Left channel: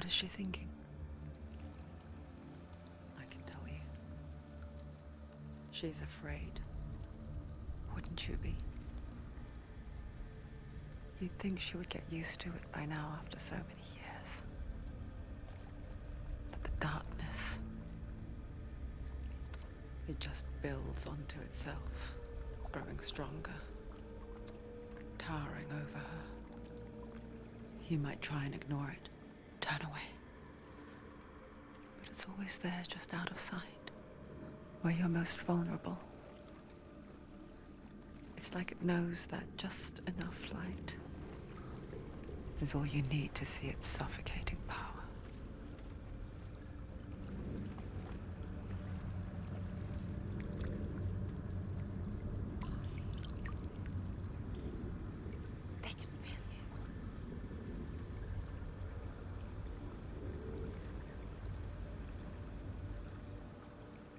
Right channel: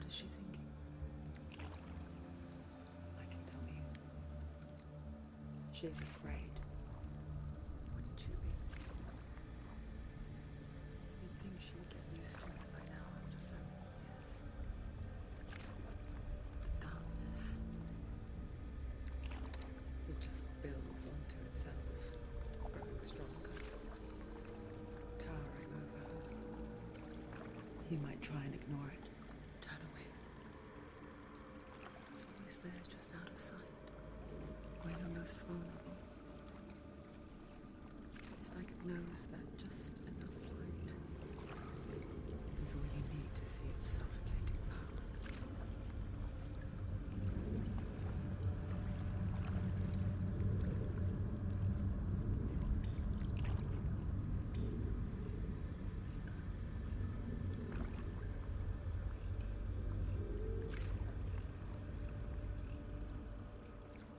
What is she thinking? I can tell you. She's afraid. Wouldn't you be? You'd think she would get used to it by now after so many years. But the darkness... It just builds onto itself, growing stronger, towering over her. You might try and ignore it. Turn away. But it's always there, just out of sight, where you're most vulnerable. It's like it knows that just enough light is all you need to see its suffocating power. They can feel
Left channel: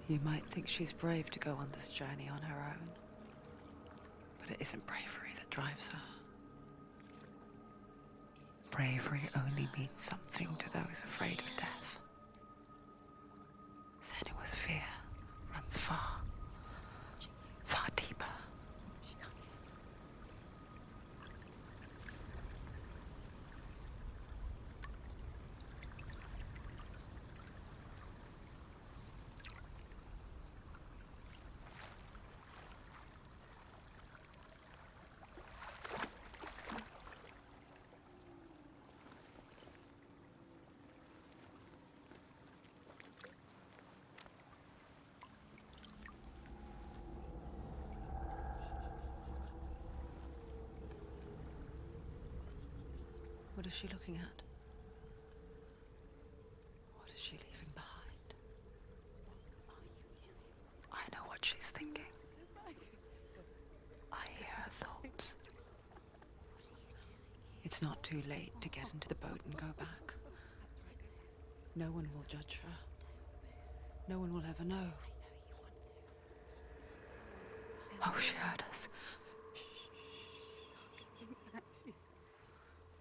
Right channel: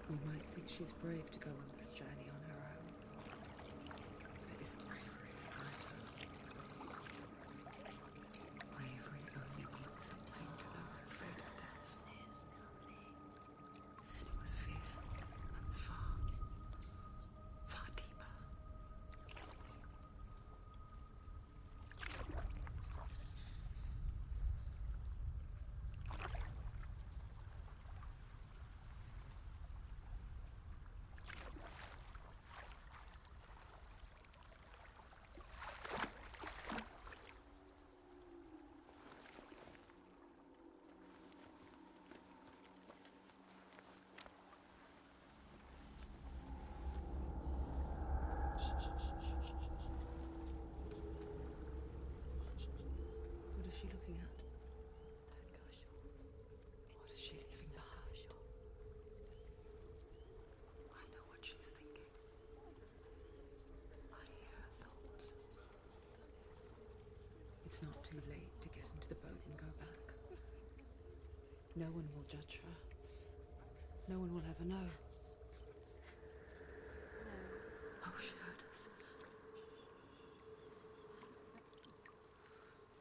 You might think she's brave to go on this journey on her own, but it isn't bravery that drives her. Bravery only means something to those afraid of death. Senua's fear runs far, far deeper. What is she looking at? What is she leaving behind? I know what she's thinking. I hear her thoughts. It's not too late to get into the boat and go back. No one will judge her. No one will ever know. Oh, she heard us.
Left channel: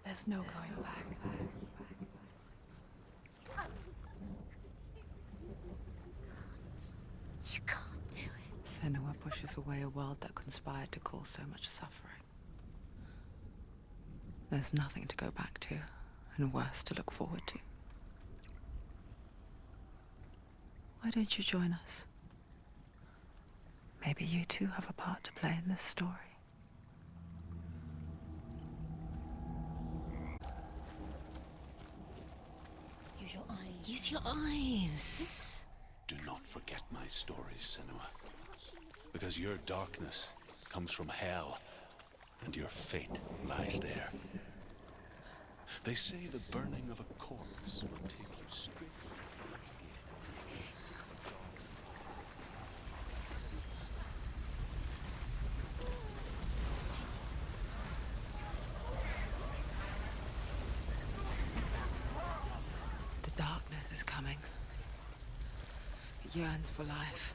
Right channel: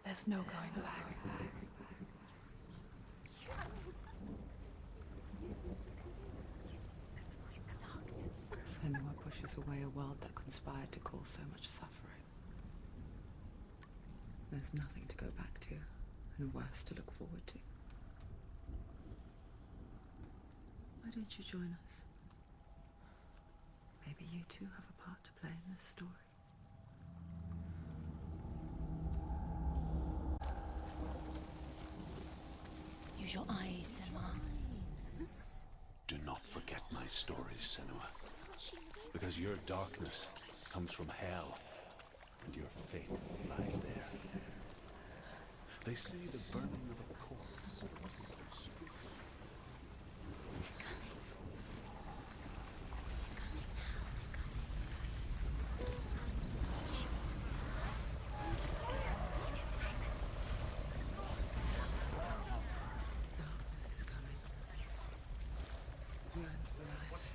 There's no going back. You can't do it. Senua pushes away a world that conspired to cause so much suffering. There's nothing to go back to, and worse to look forward to. Why don't you join us? Maybe you too have a part to play in this story. Use your eyes. Use your eyes. Do not forget my story, Senua. Because your darkness comes from hell, and your fate lies there. They say the burning of a corpse will take you straight. The darkness is coming. It yearns for life,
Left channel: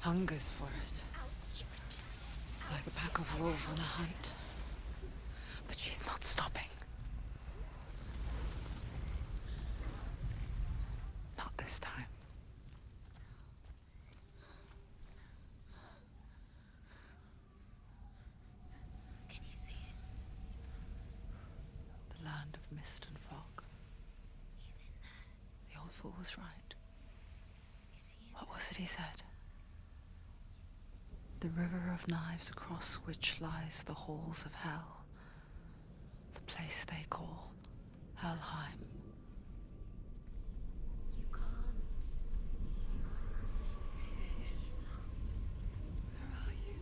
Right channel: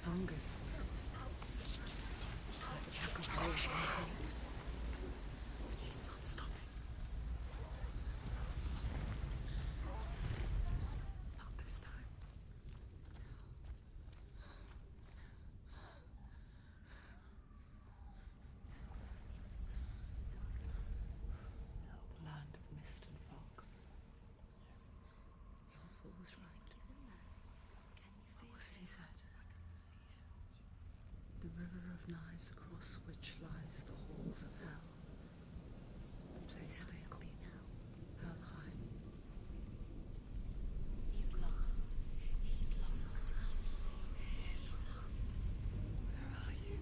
hungers for it. Like a pack of wolves on a hunt. But she's not stopping. Not this time. Can you see it? The land of mist and fog. He's in there. The old fool was right. You see him? What was it he said? The river of knives across which lies the halls of hell. The place they call Helheim. He's lost. He's lost. Where are you?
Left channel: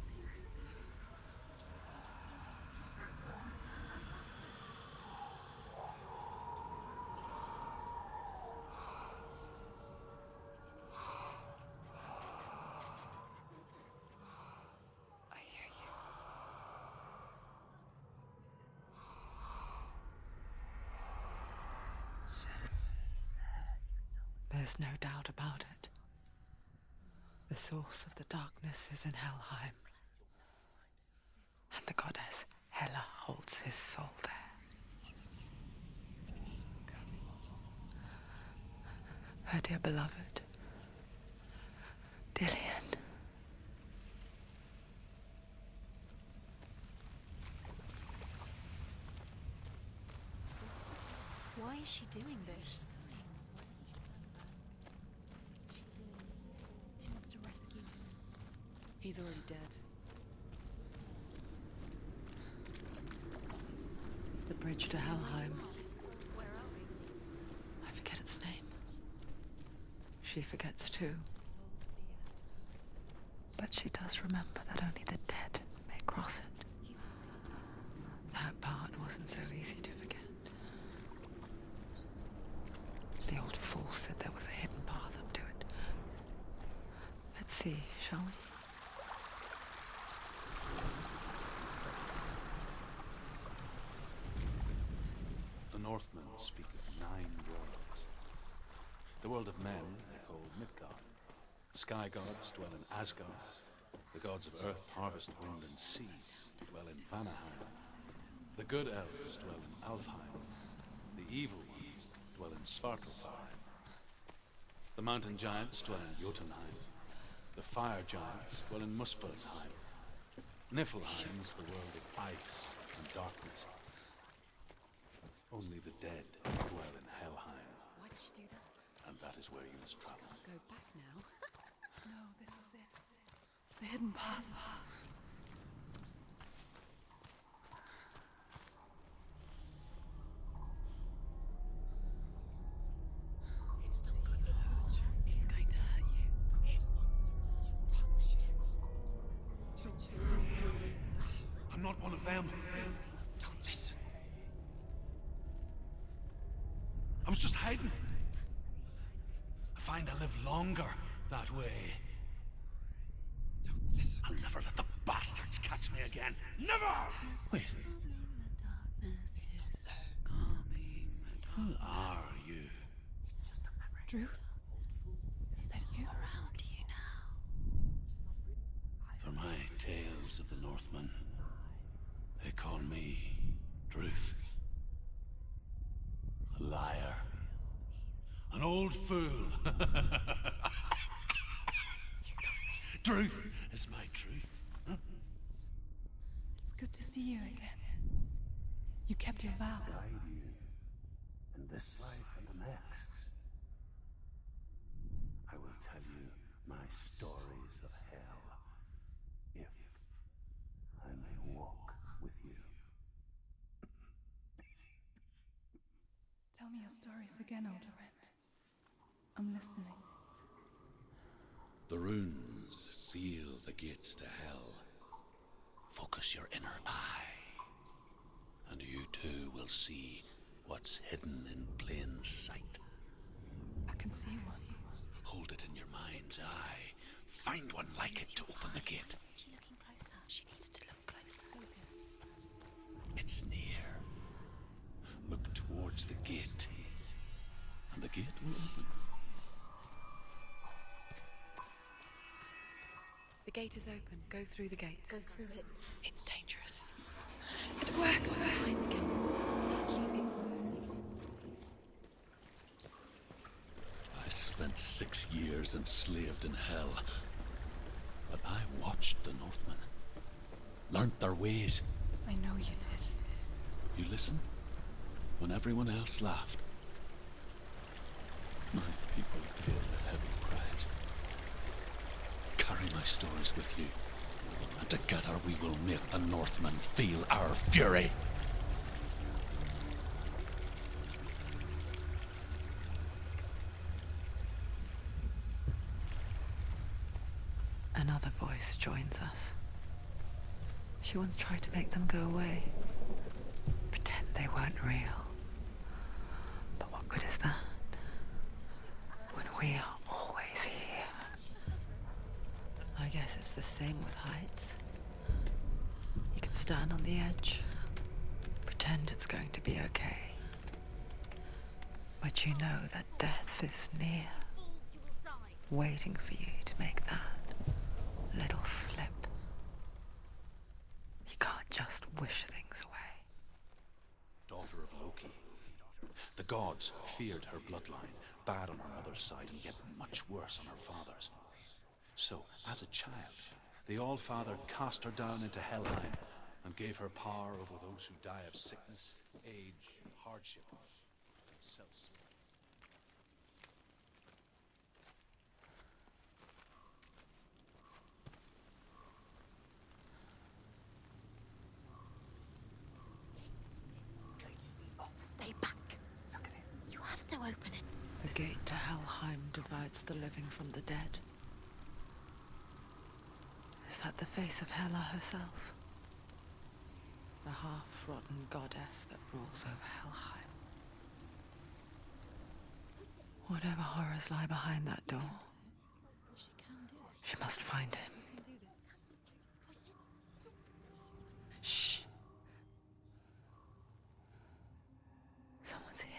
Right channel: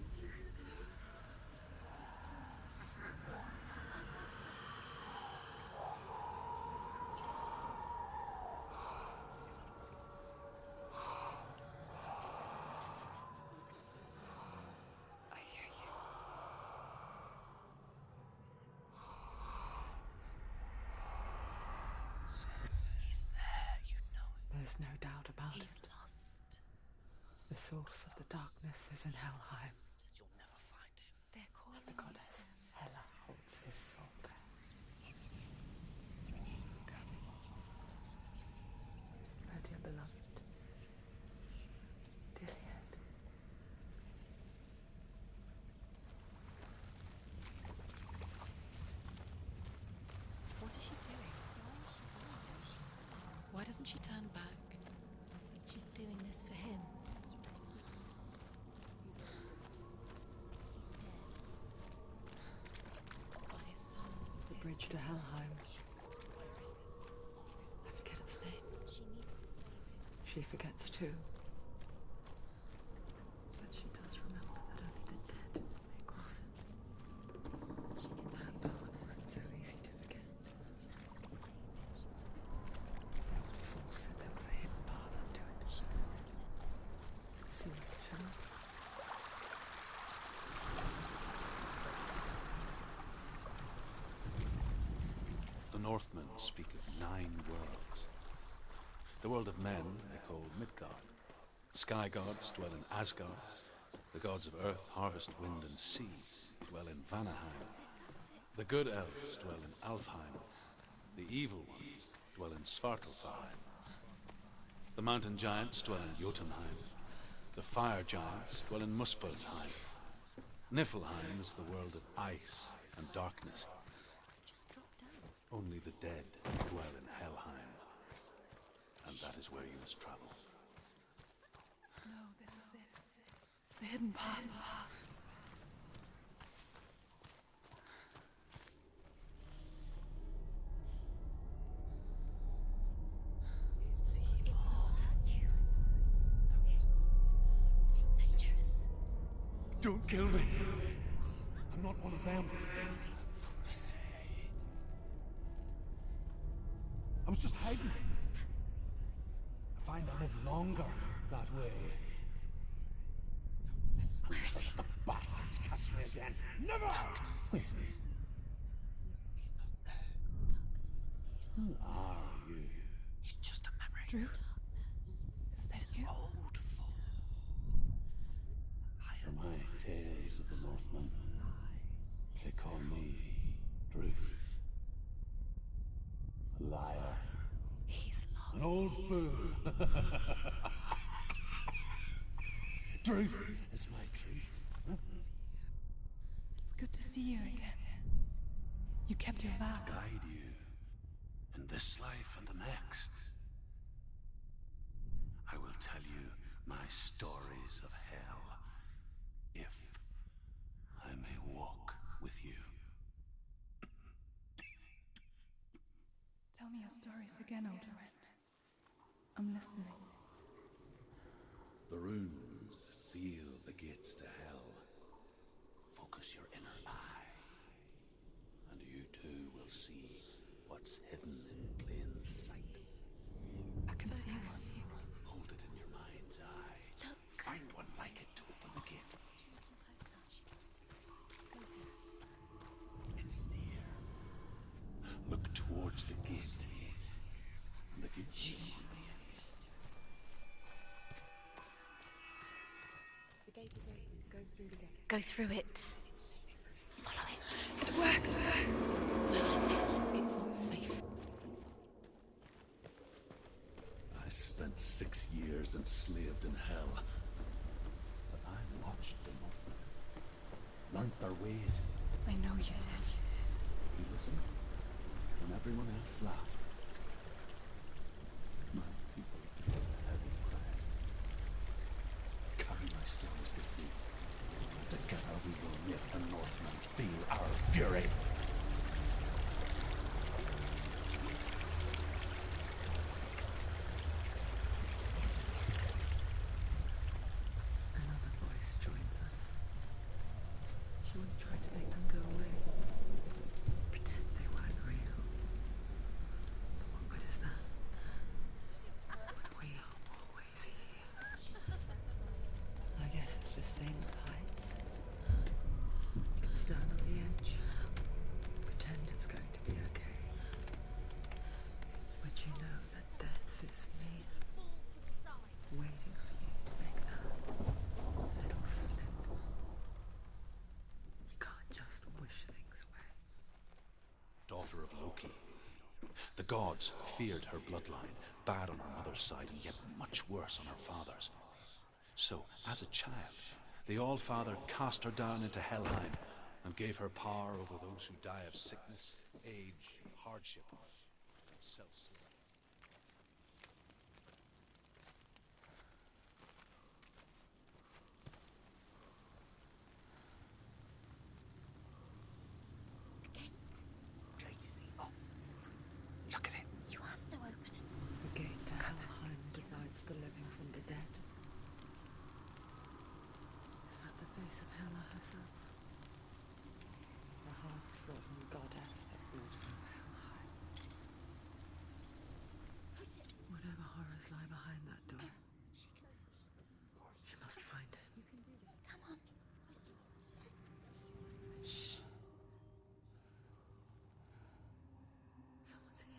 I hear you. He's there. You know it. There's no doubt about He's it. lost. The source of the darkness is in Helheim, They're called. And the goddess Hela holds his soul there. dear beloved, Dillian. What is she doing? Why is she doing this? Why doesn't she turn back? She's doing this for him. She wants to rescue him. He's already dead. The bridge to Helheim. I forget its name. She forgets too. But she does remember that only the dead may cross it. That part wasn't so easy to forget. The old fool said there was a hidden path up to it. Let's see, shall we? The Northmen speak of 9 worlds. The world of men they call Midgard. Sky gods dwell in Asgard. The gods of earth, harvest, wind, and sea dwell in Vanaheim. The good elves dwell in Alfheim. The evil ones dwell in Svartalfheim. The mountain giants dwell in Jotunheim. The fire giants dwell in Muspelheim. Niflheim is the world of ice and darkness. Only the dead dwell in Helheim. And that is where you must travel. No, this is it. The hidden path. He's going to hurt you. It's dangerous. Don't kill me. I'm not one of them. Don't listen. I was just hiding. I find I live longer that way. Don't listen. I'll never let the bastards catch me again. Never! Wait. Who are you? It's just a memory. Druth? Is that you? For my tales of the Northmen, they call me Druth. A liar. He's lost. An old fool. Truth is my truth. It's good to see you again. You kept your vow. Guide you in this life and the next. I will tell you my stories of hell, if I may walk with you. Tell me your stories again, old friend. I'm listening. The runes seal the gates to hell. Focus your inner eye, and you too will see what's hidden in plain sight. I can see one. Hold it in your mind's eye. Find one like it to open the gate. She needs to look closer. It's near. Look towards the gate. And the gate's open. The gate is open. Go through the gate. Go through it. It's dangerous. Follow it. It worked. It's not safe. I spent 6 years enslaved in hell. But I watched the Northmen. Learned their ways. I know you did. You listened when everyone else laughed. My people paid a heavy price. Carry my stories with you. And together we will make the Northmen feel our fury. Another voice joins us. She once tried to make them go away. Pretend they weren't real. But what good is that? When we are always here. I guess it's the same with heights. You can stand on the edge, pretend it's going to be okay. But you know that death is near, waiting for you to make that little slip. You can't just wish things away. Daughter of Loki, the gods feared her bloodline, bad on her mother's side and yet much worse on her father's. So, as a child, the All-Father cast her down into Helheim and gave her power over those who die of sickness, age, hardship, and self-slaughter. Stay back. Look at it. You have to open it. The gate to Helheim divides the living from the dead. Is that the face of Hela herself? The half-rotten goddess that rules over Helheim. Whatever horrors lie behind that door, she must find him. Shh. Someone's here.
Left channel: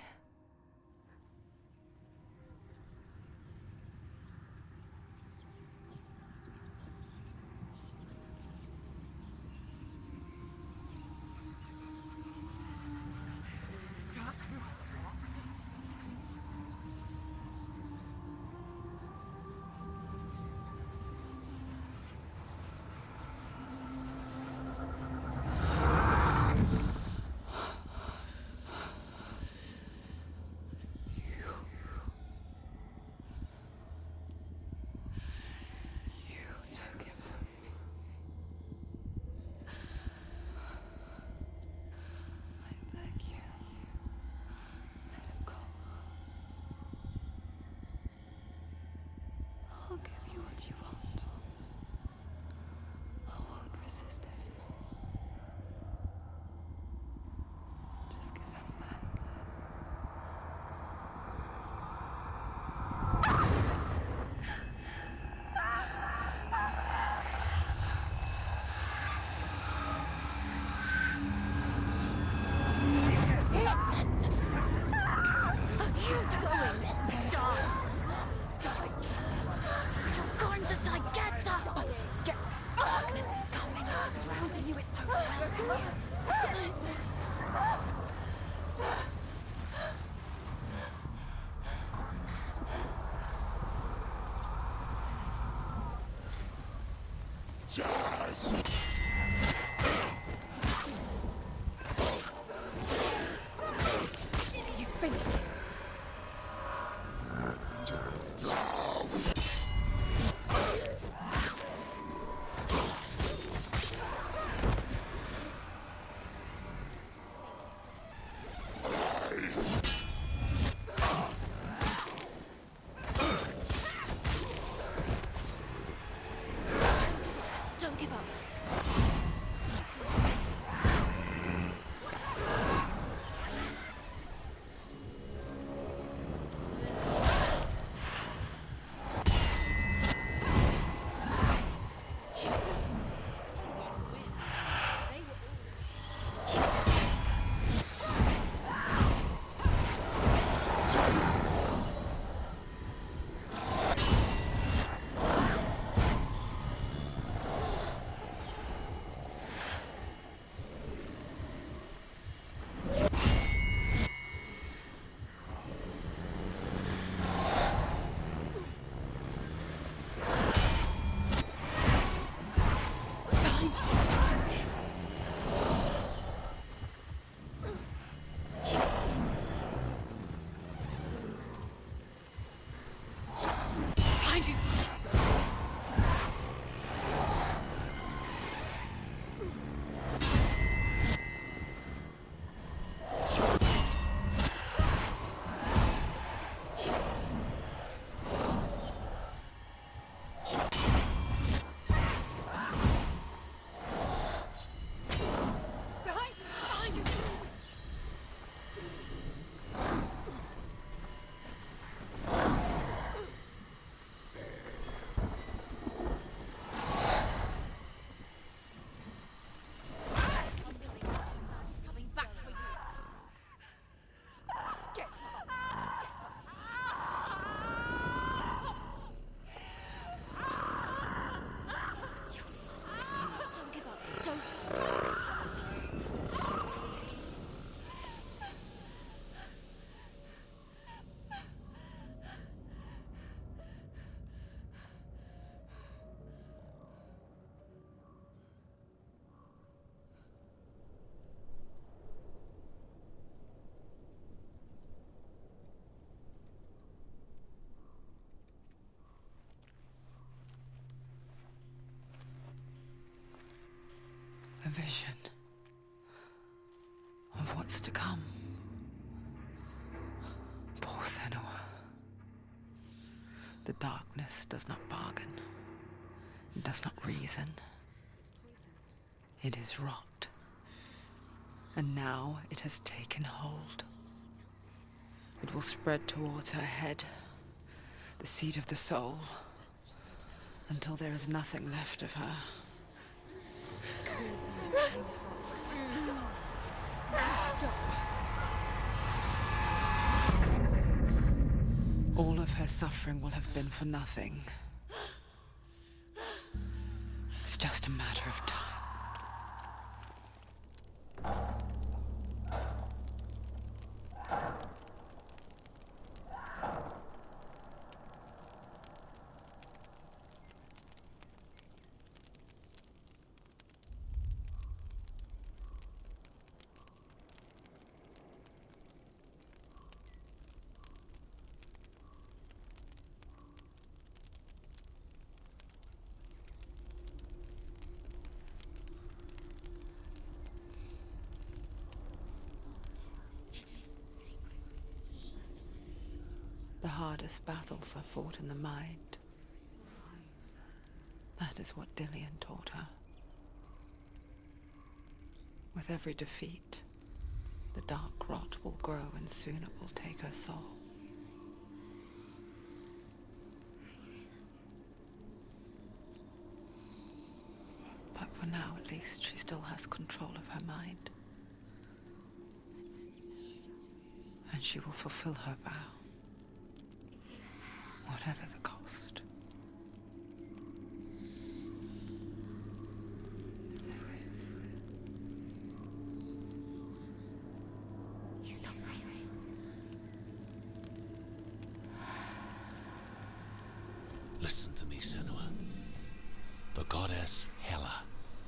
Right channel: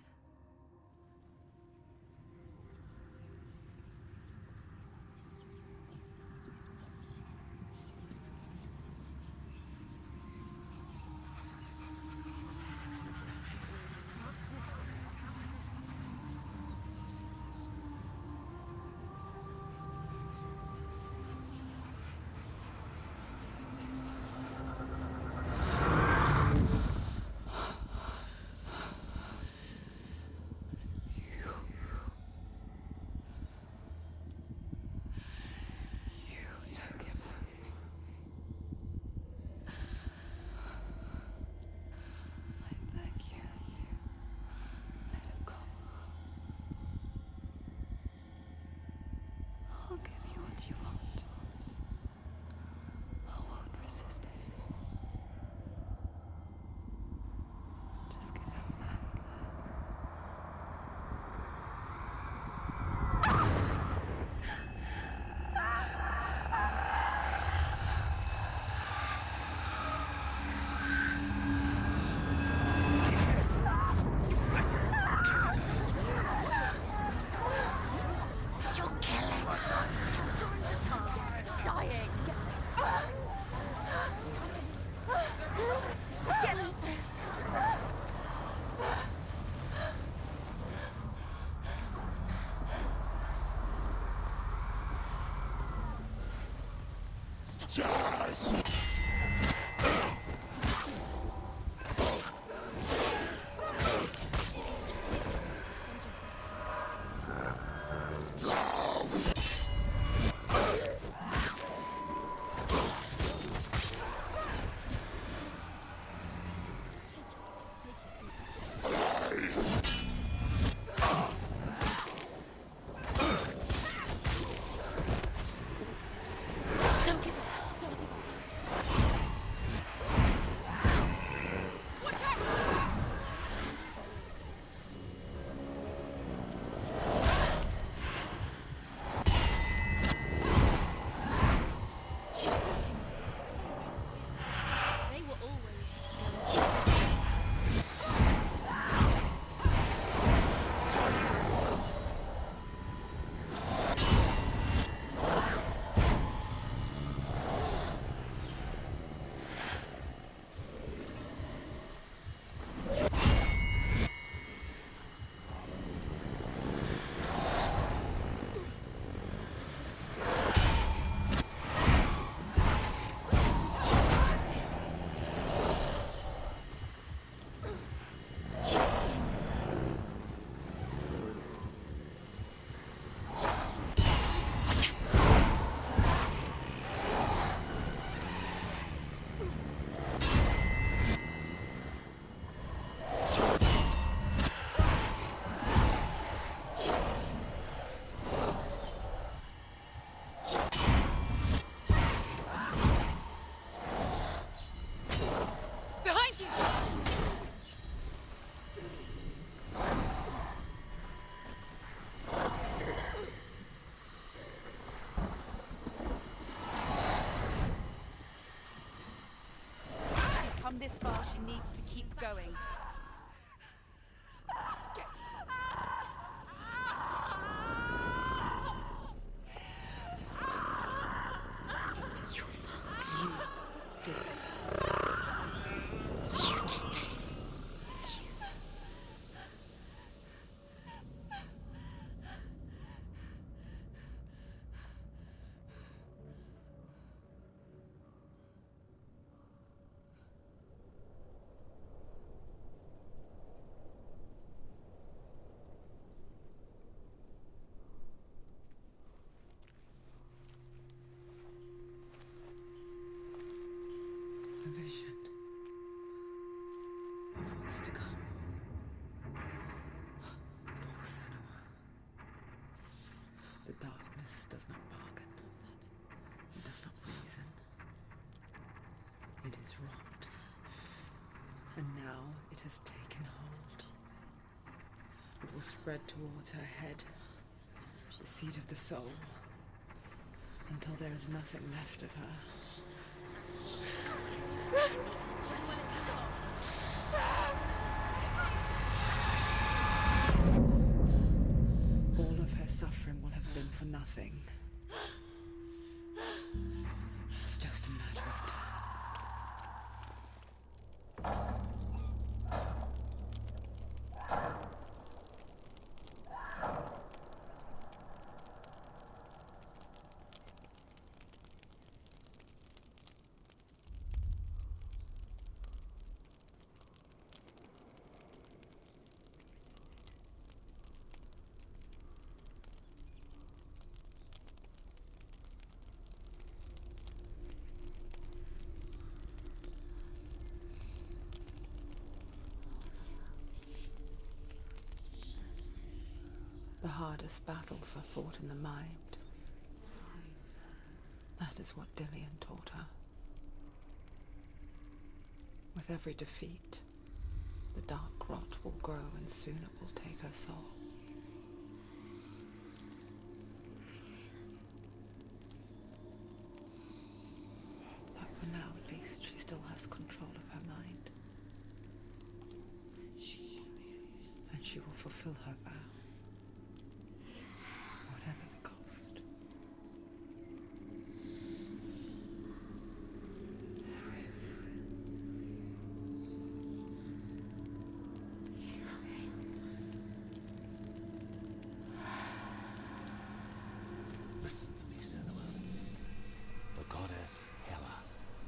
You took him from me. I beg you, let him go. I'll give you what you want. I won't resist anymore. Just give him back. vision of what's to come. Poor Senua. The darkness does not bargain. It does not reason. It is rot. And now it has taken hold. It will spread towards her head, the seat of the soul, until there is nothing left of her. All of her suffering will have been for nothing. It's just a matter of time. The hardest battles are fought in the mind. That is what Dillian taught her. With every defeat, the dark rot will grow and soon it will take her soul. But for now, at least, she still has control of her mind. And she will fulfill her vow. Whatever the cost. He's not there. Listen to me, Senua. The goddess Hela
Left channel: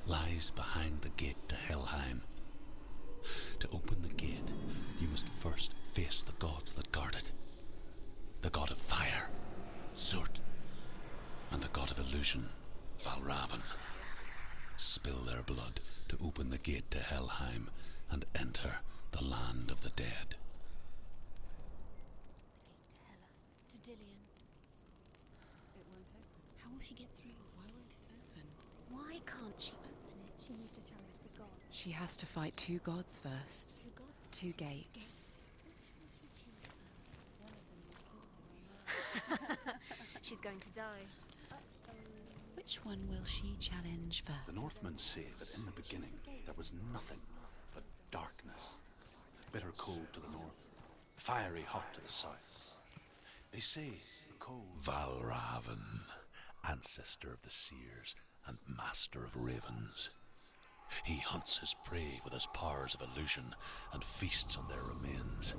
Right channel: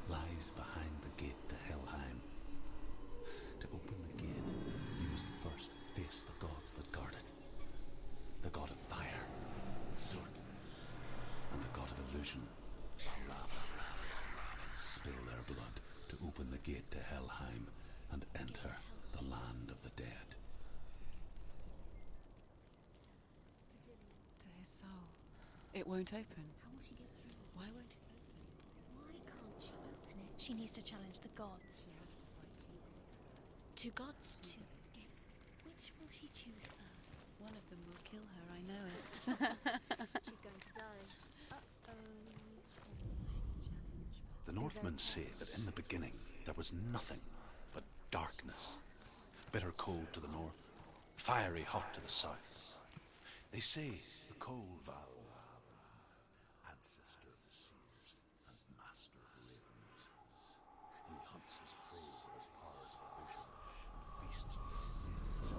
lies behind the gate to Helheim. To open the gate, you must first face the gods that guard it. The god of fire, Zurt, and the god of illusion, Valravan. Spill their blood to open the gate to Helheim and enter the land of the dead. To Dillian. To his soul. It won't open. How will she get through? Why won't it open? Why can't she open it? She needs to challenge the gods. She has to fight two gods first. Two gods? Two gates. Which will she choose first? One of them will kill her, I know. She's going to die. Uh-oh. Which one will she challenge first? The Northmen say that in the beginning there was nothing but darkness. Bitter cold to the north, fiery hot to the south. They say the cold... Valravan, ancestor of the seers and master of ravens. He hunts his prey with his powers of illusion and feasts on their remains.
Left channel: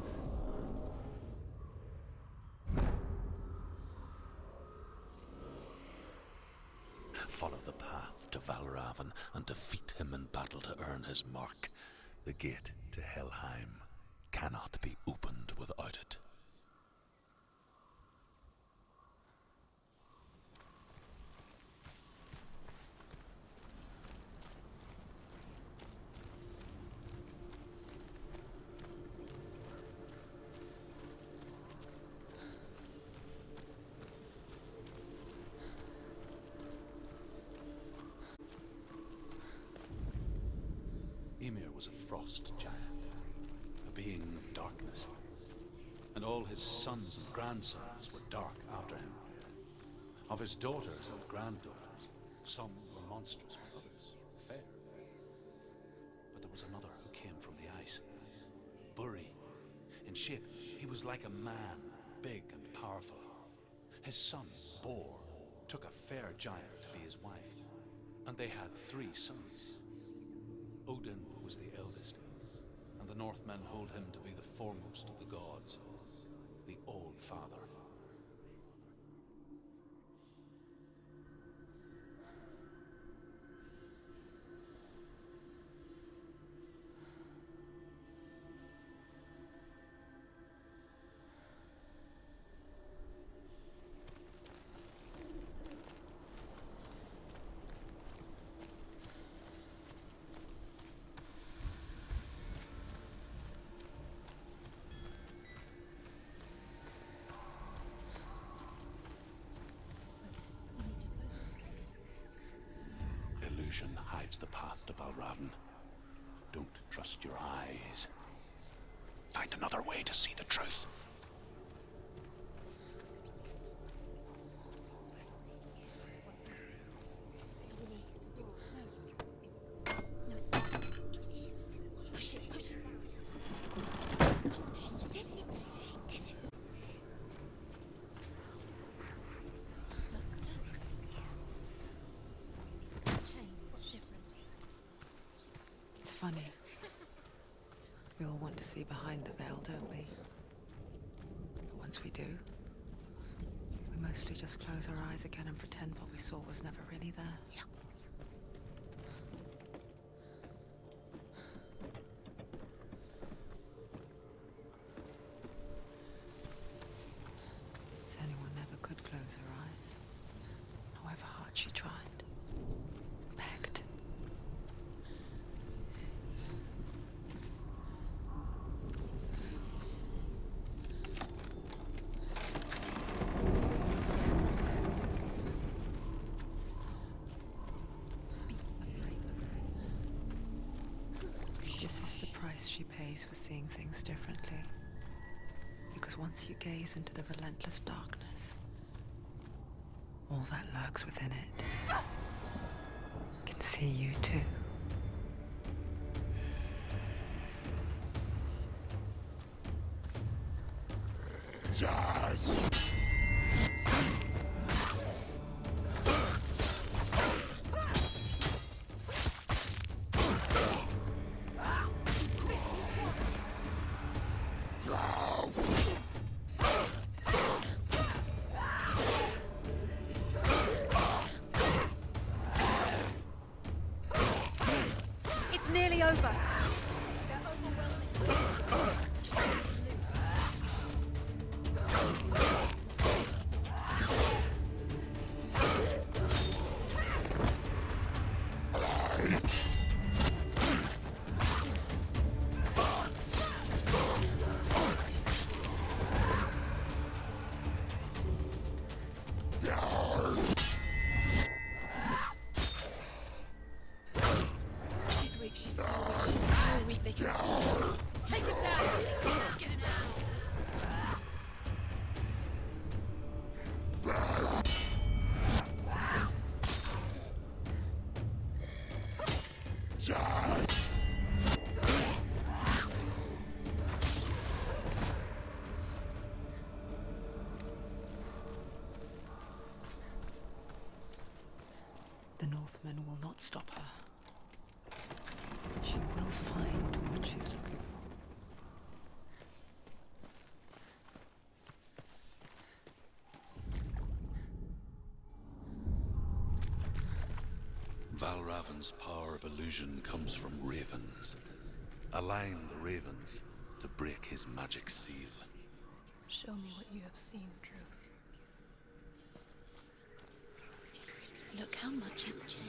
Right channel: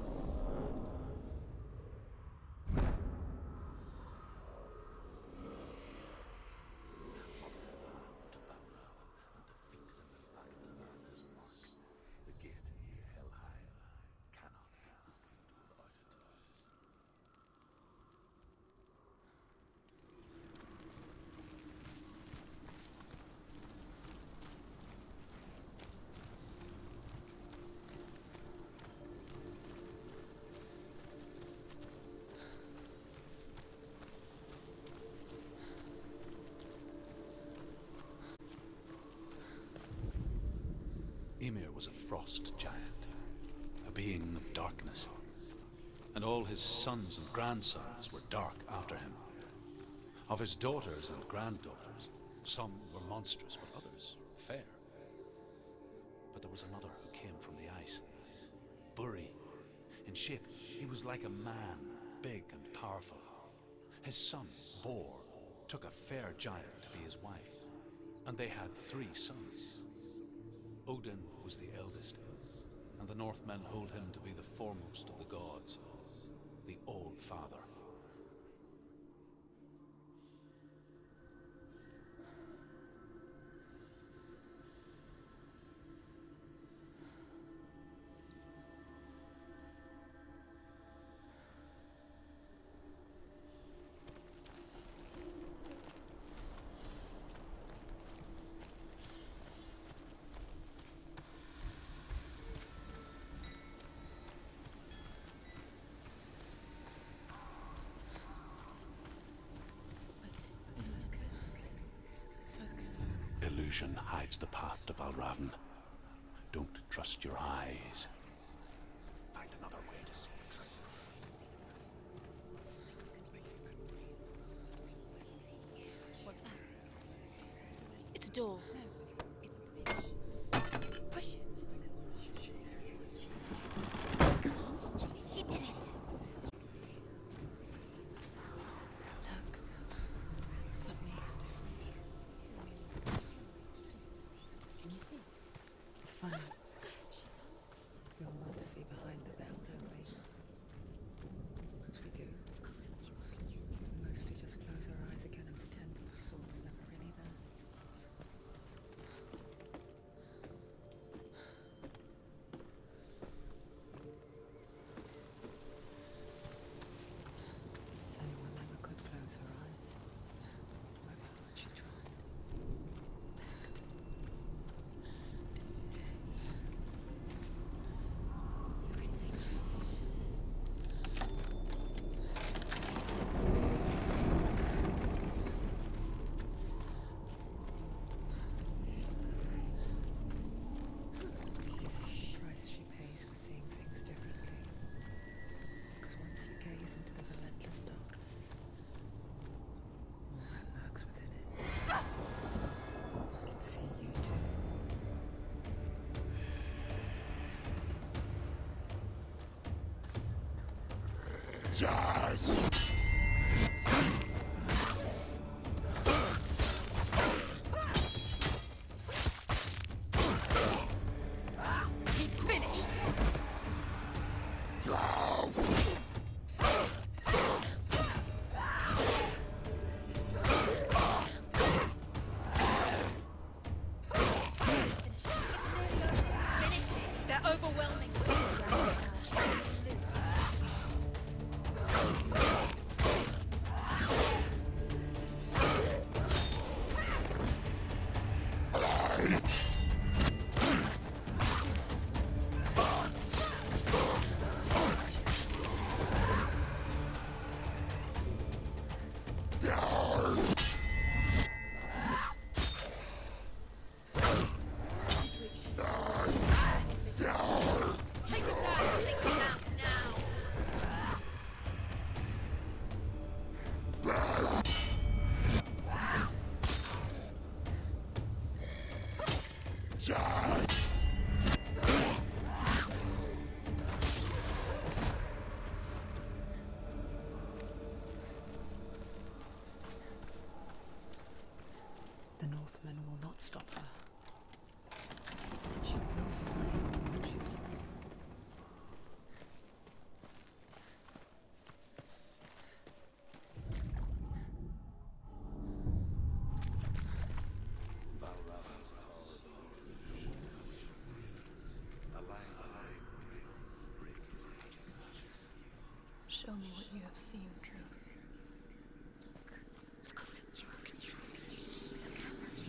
Follow the path to Valravan and defeat him in battle to earn his mark. The gate to Helheim cannot be opened without it. Ymir was a frost giant, a being of darkness, and all his sons and grandsons were dark after him. Of his daughters and granddaughters, some were monstrous, but others fair. But there was another who came from the ice. Buri. In shape, he was like a man, big and powerful. His son, Bor, took a fair giant to be his wife, and they had 3 sons. Odin was the eldest, and the Northmen hold him to be the foremost of the gods, the All-Father. illusion hides the path to Valravn. Don't trust your eyes. Find another way to see the truth. It's a door. No, it's not. Push it. Push it. Push it. She did it. She did it. Something is different. Can you see? It's funny. We all want to see behind the veil, don't we? But once we do, we mostly just close our eyes again and pretend what we saw was never really there. Senua never could close her eyes, however hard she tried. Begged. This is the price she pays for seeing things differently. Because once you gaze into the relentless darkness, all that lurks within it can see you too. He's finished. It's nearly over. They're overwhelming. She's weak. She's slow. She's slowing me. They can see her. Take her down. Take her down. The Northmen will not stop her. She will find what she's looking for. Valravn's power of illusion comes from ravens. Align the ravens to break his magic seal. Show me what you have seen, Truth. Look how much it's changed.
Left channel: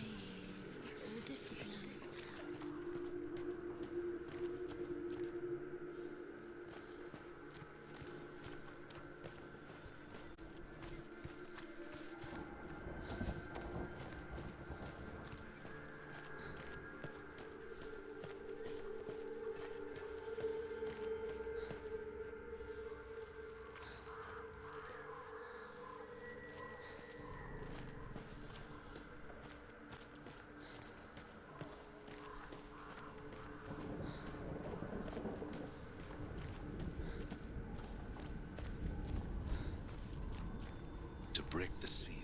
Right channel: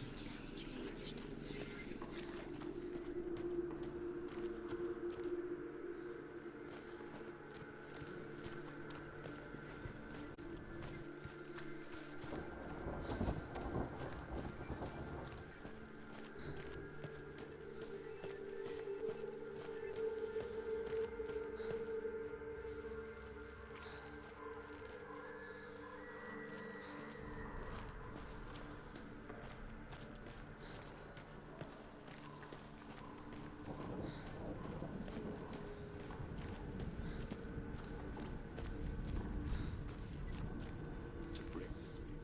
To break the seal,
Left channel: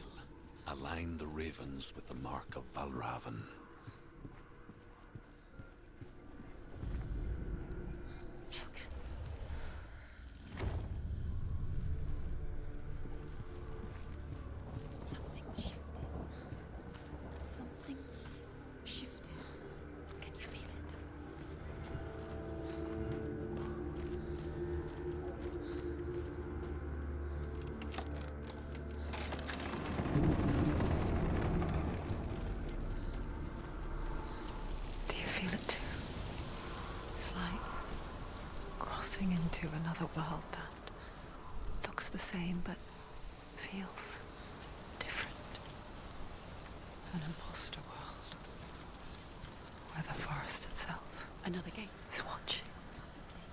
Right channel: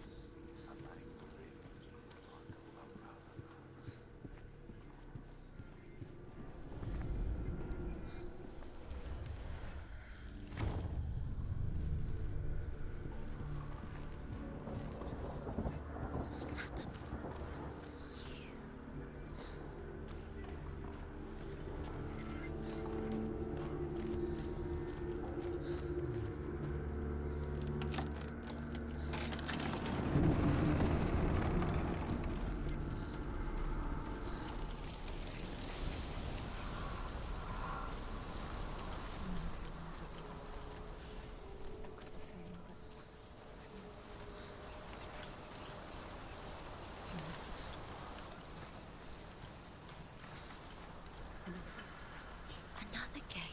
align the ravens with the mark of Valravn. Something's shifted. Something's happened. Something's shifted. Can you feel it? Do you feel it too? It's like crossing into another world that looks the same but feels different. An imposter world. Another gate. He's watching. Another gate.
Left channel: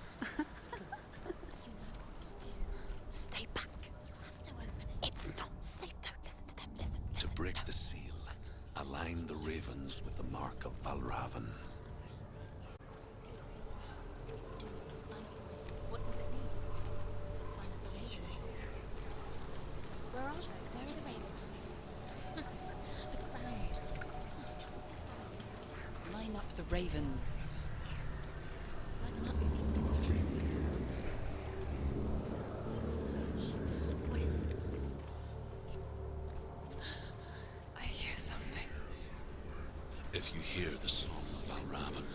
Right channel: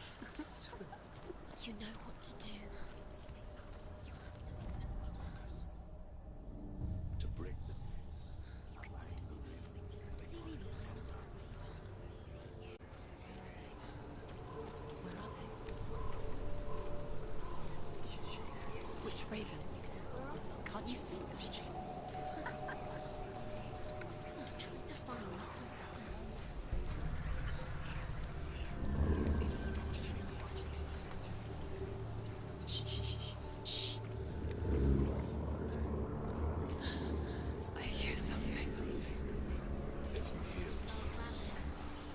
You know what to do. Stay back. You have to open it. It's not safe. Don't listen to them. Listen. To break don't. the seal, align the ravens with the mark of Valravan. What does it mean? Which ravens? Can't you see which ravens? I'm trying to find. Line up the ravens. Shh, shh, shh, shh, shh. What is it? I hear something. If you hear the soul of Valravan,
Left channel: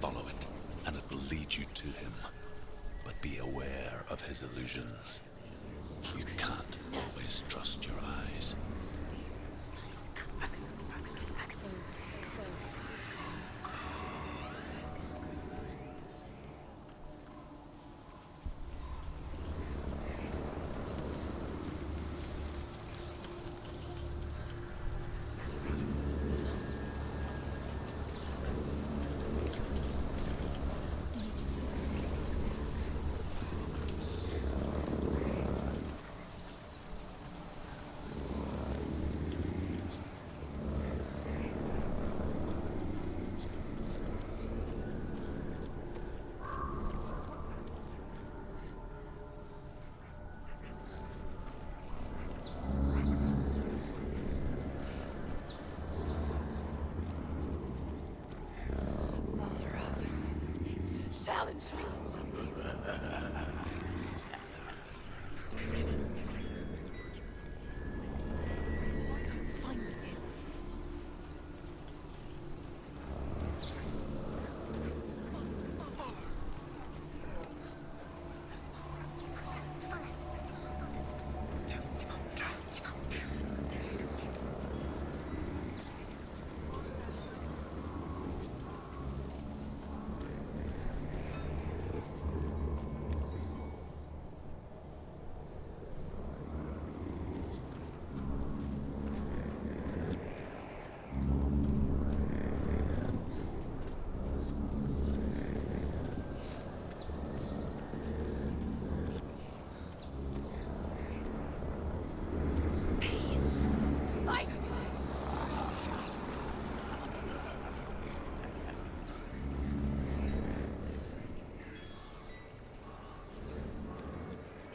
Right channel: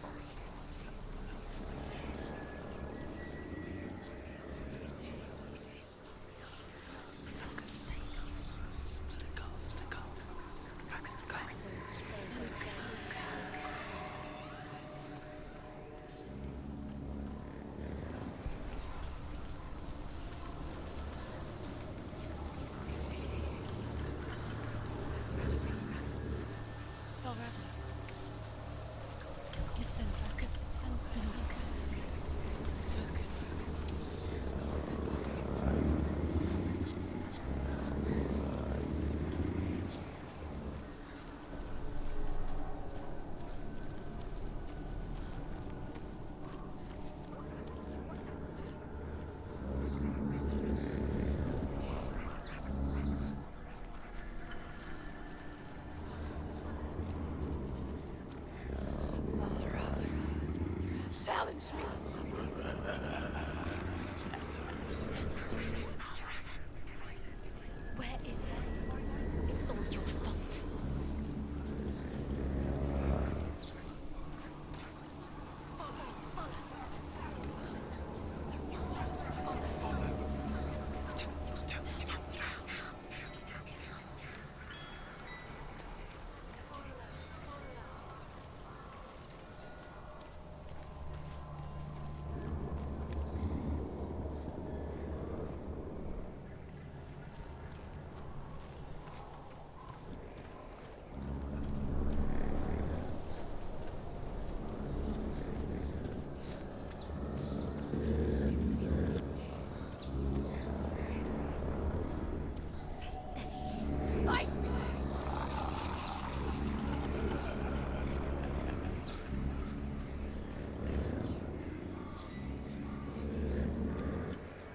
follow it, and it will lead you to him. But be aware of his illusions. You can't always trust your eyes. Focus. You need to focus. Focus. Challenge me. Where is he? It's not your fault.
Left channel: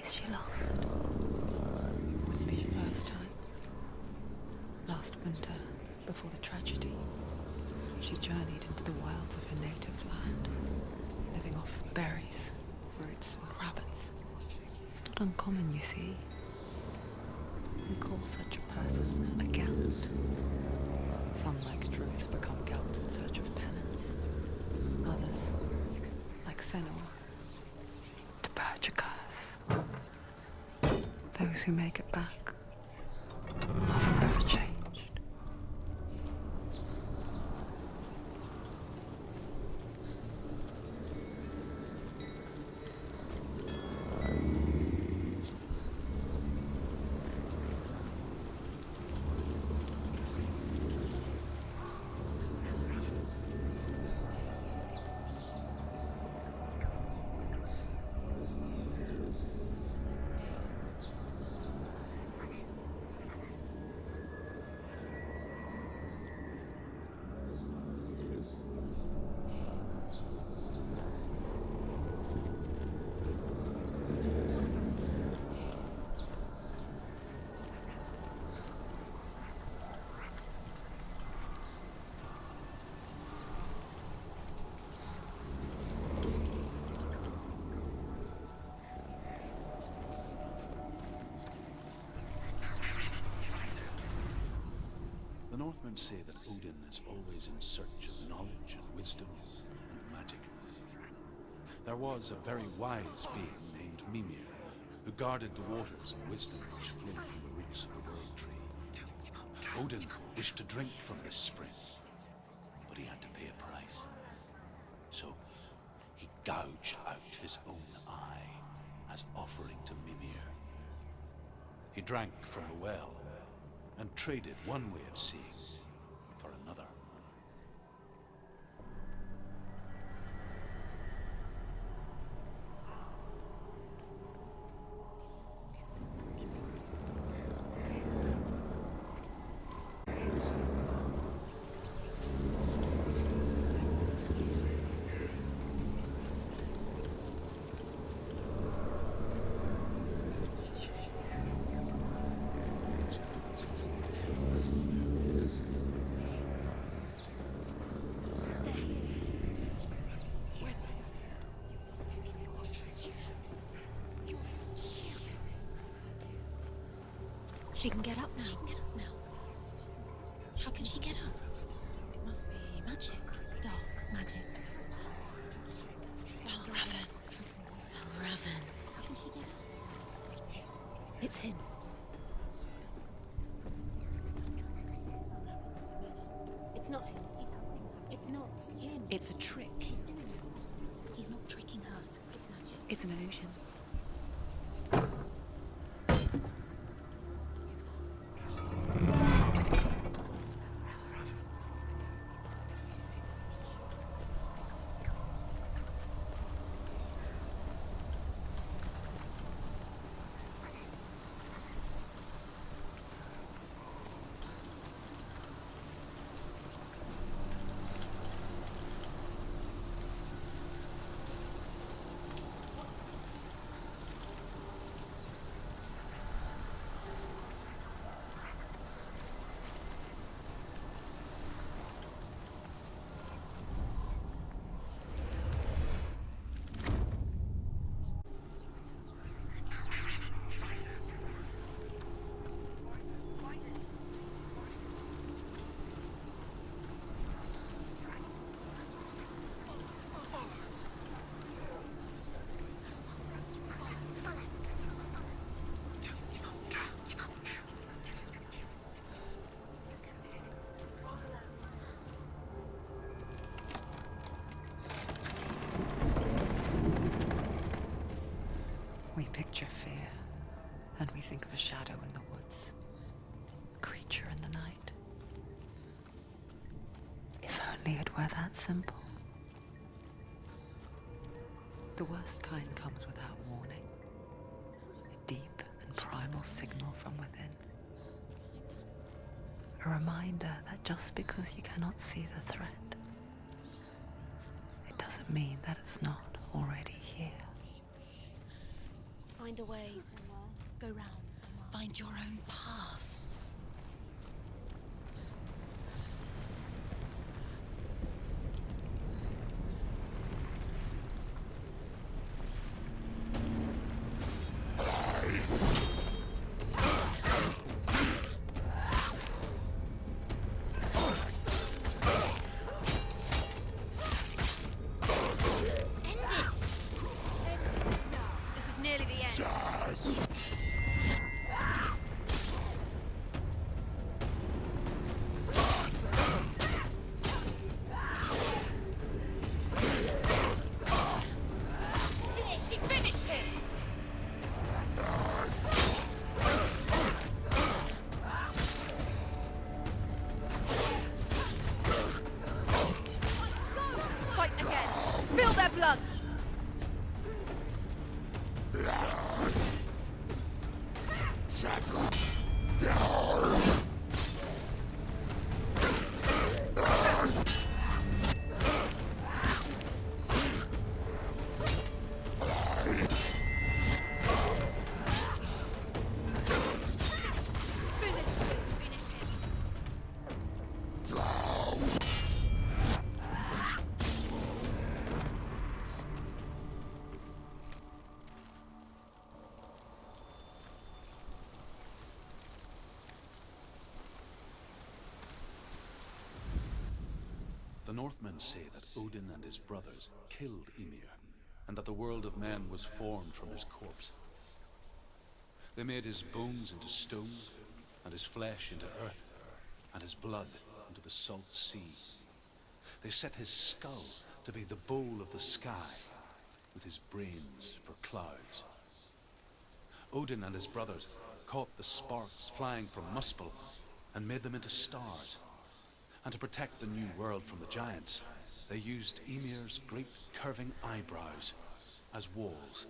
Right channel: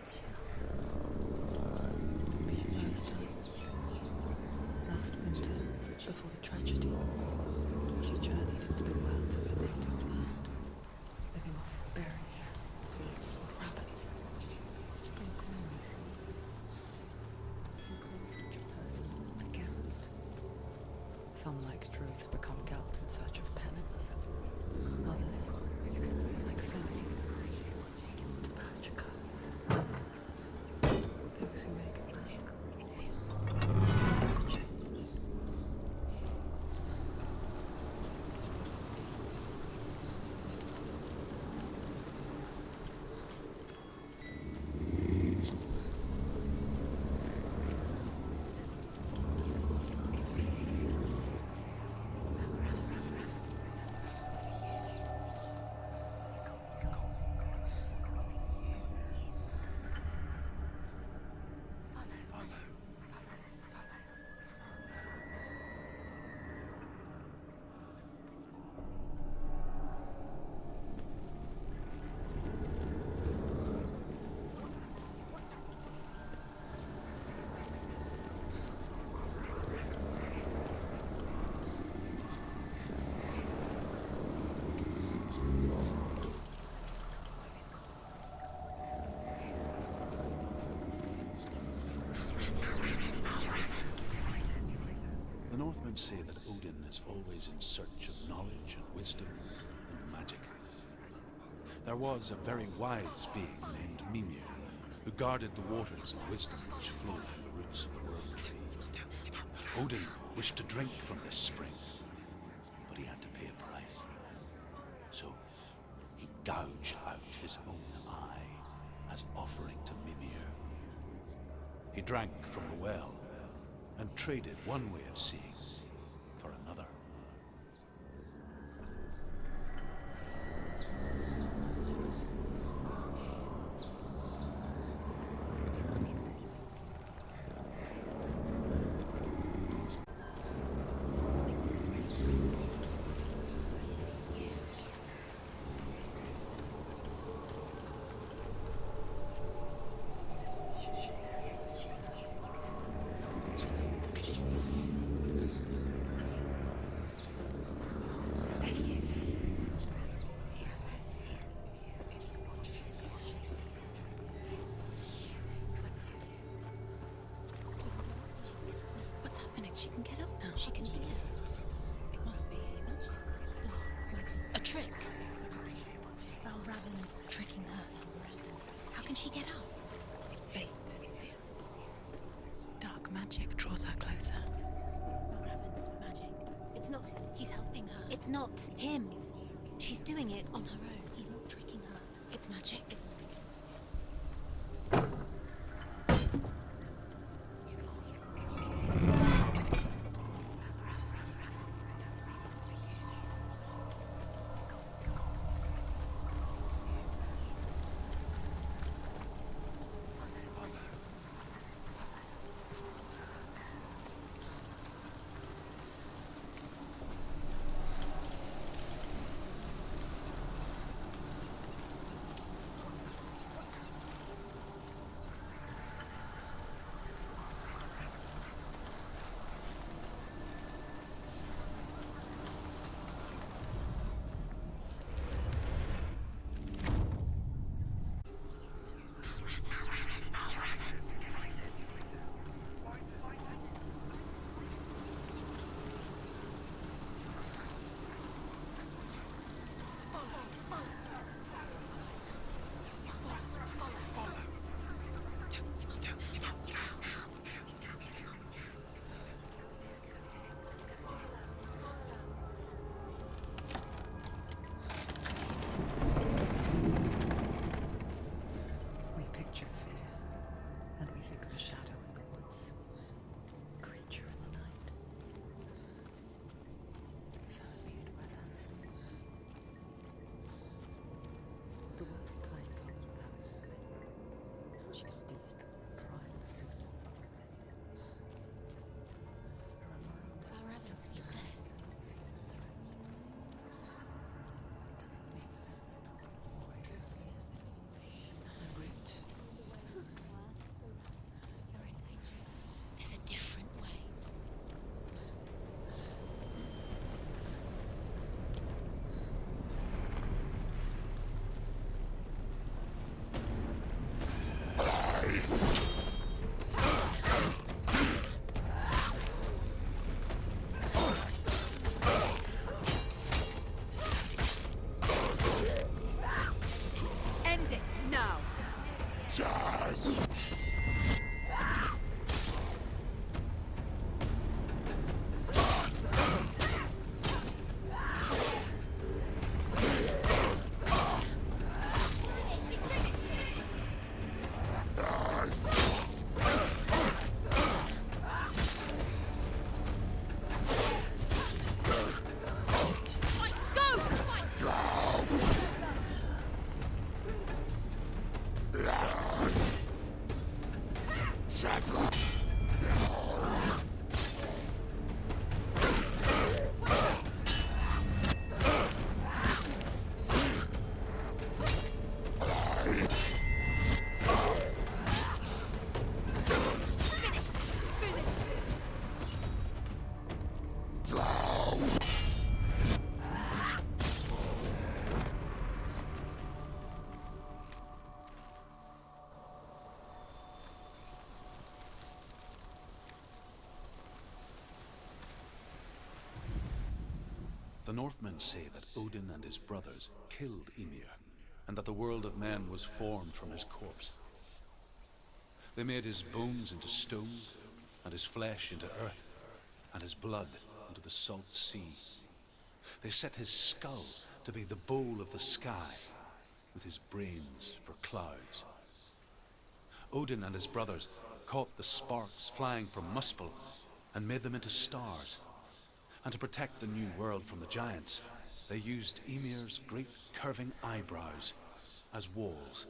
Is she lost? First time. Last winter, before the tragedy, she journeyed into the wilds of her native land, living off berries, fruits, and rabbits. It's not uncommon, you see. We call such a person a gallant. Some, like Druth, become gallant in search of penance. Others, like Senua, to purge a curse. Those who make it back are forever changed. The Northmen say that Odin is always in search of knowledge and wisdom and magic. There was a very wise being named Mimir, who guarded the waters of wisdom which flow from the roots of the World Tree. Odin wished to drink from this spring, but he had to pay a price. So he gouged out his own eye as offering to Mimir. He drank from the well and traded one way of seeing for another. She can get up now. She can get up now. What's happening? She can get up now. How can she get up? It must be magic. Dark magic. A trick. Raven. Tricking her. Raven. How can she get up? Wait. It's him. Dark magic draws her closer. Raven's magic. It's not him. He's helping her. It's not him. It's a trick. She's doing it on her own. He's not tricking her. It's magic. It's an illusion. We picture fear, and we think of a shadow in the woods, a creature in the night. If only it were that simple. The worst kind comes without warning. A deep and primal signal from within. A reminder that just because you cannot see the threat, it doesn't mean that it's not already here. Find a way. Go round. Find your own path. There's a different way. End it now. This is nearly the end. She finished him. Go! Fight! Spill their blood! The Northmen say that Odin and his brothers killed Ymir, and that the world of men was formed from his corpse. They made his bones into stone, and his flesh into earth, and his blood into the salt sea. They set his skull to be the bowl of the sky, with his brains for clouds. Odin and his brothers caught the sparks flying from Muspel and made them into stars. And to protect the new world from the giants, they used Ymir's great curving eyebrows as walls.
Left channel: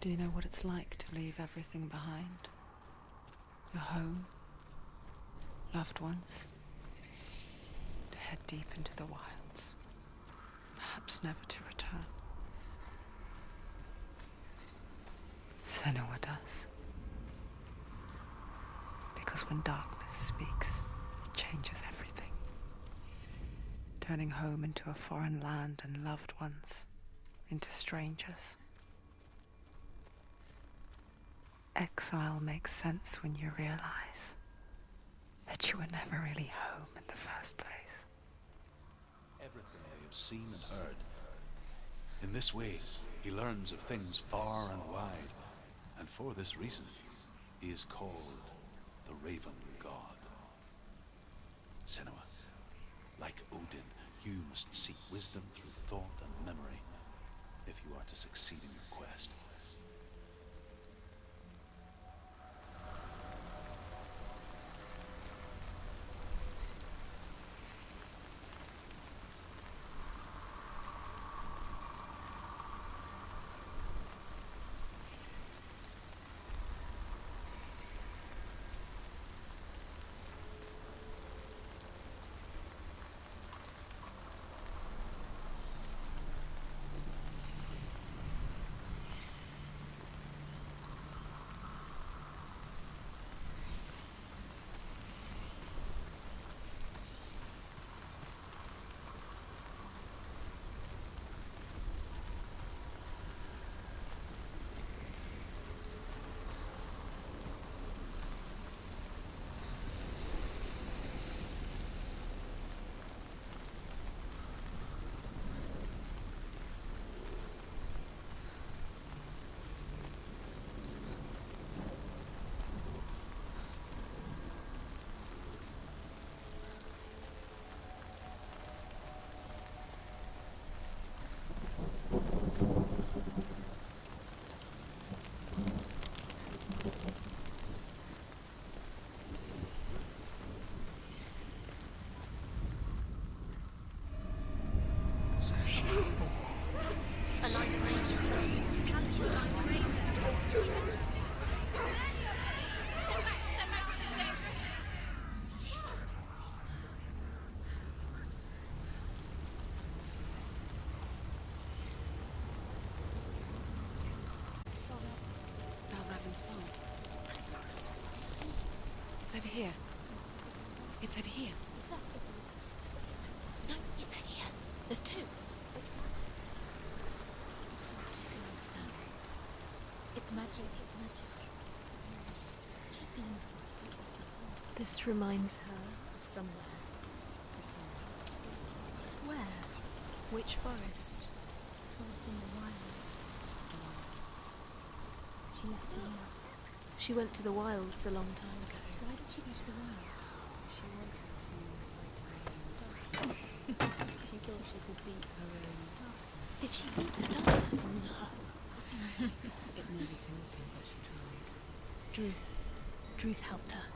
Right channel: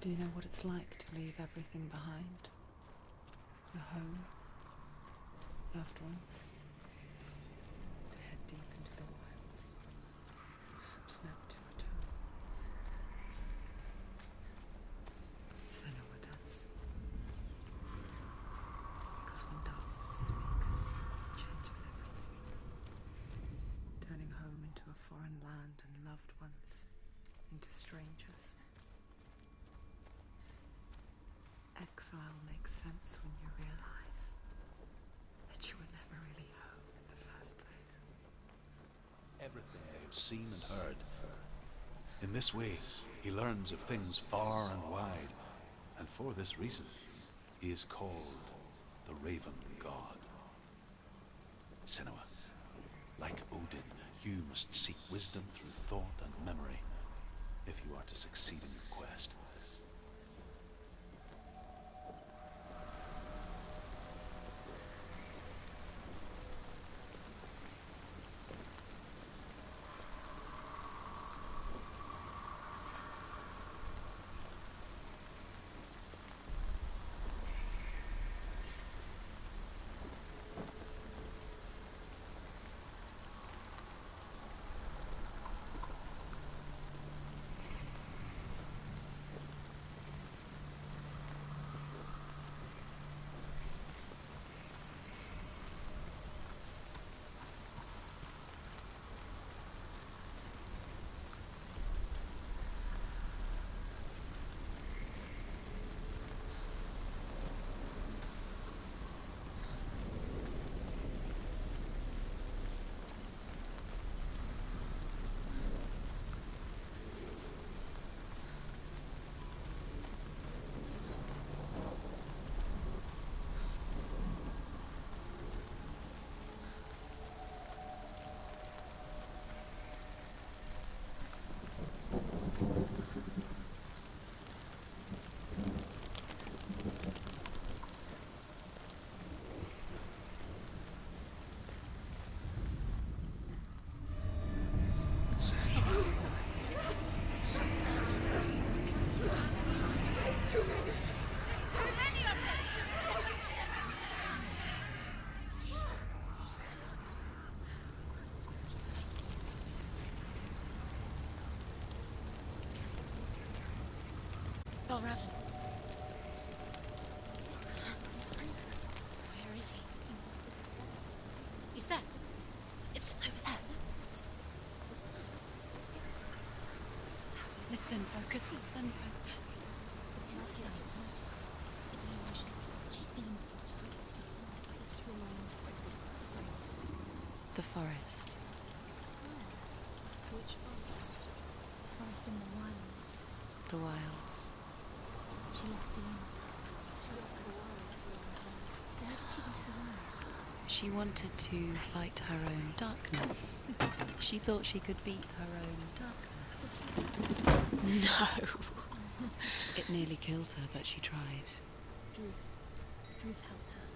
Do you know what it's like to leave everything behind? Your home, loved ones, to head deep into the wilds, perhaps never to return. Senua does. Because when darkness speaks, it changes everything, turning home into a foreign land and loved ones into strangers. Exile makes sense when you realize that you were never really home in the first place. Everything they have seen and heard. In this way, he learns of things far and wide, and for this reason, he is called the Raven God. Senua, like Odin, you must seek wisdom through thought and memory if you are to succeed in your quest. It's over here. It's over here. Is that? It's over there. No, it's here. There's two. Listen, focus, listen. It's magic. It's magic. She's been in the forest like this before. This reminds her of someone. The forest. Where? Which forest? Forest in the wilds. The wilds. She left alone. She went to the wilds a long time ago. Why did she go to the wilds? She wanted to fight her own darkness. She thought she could beat her own darkness. Did she beat the darkness? No. It nearly killed her, but she tried. Druth helped her.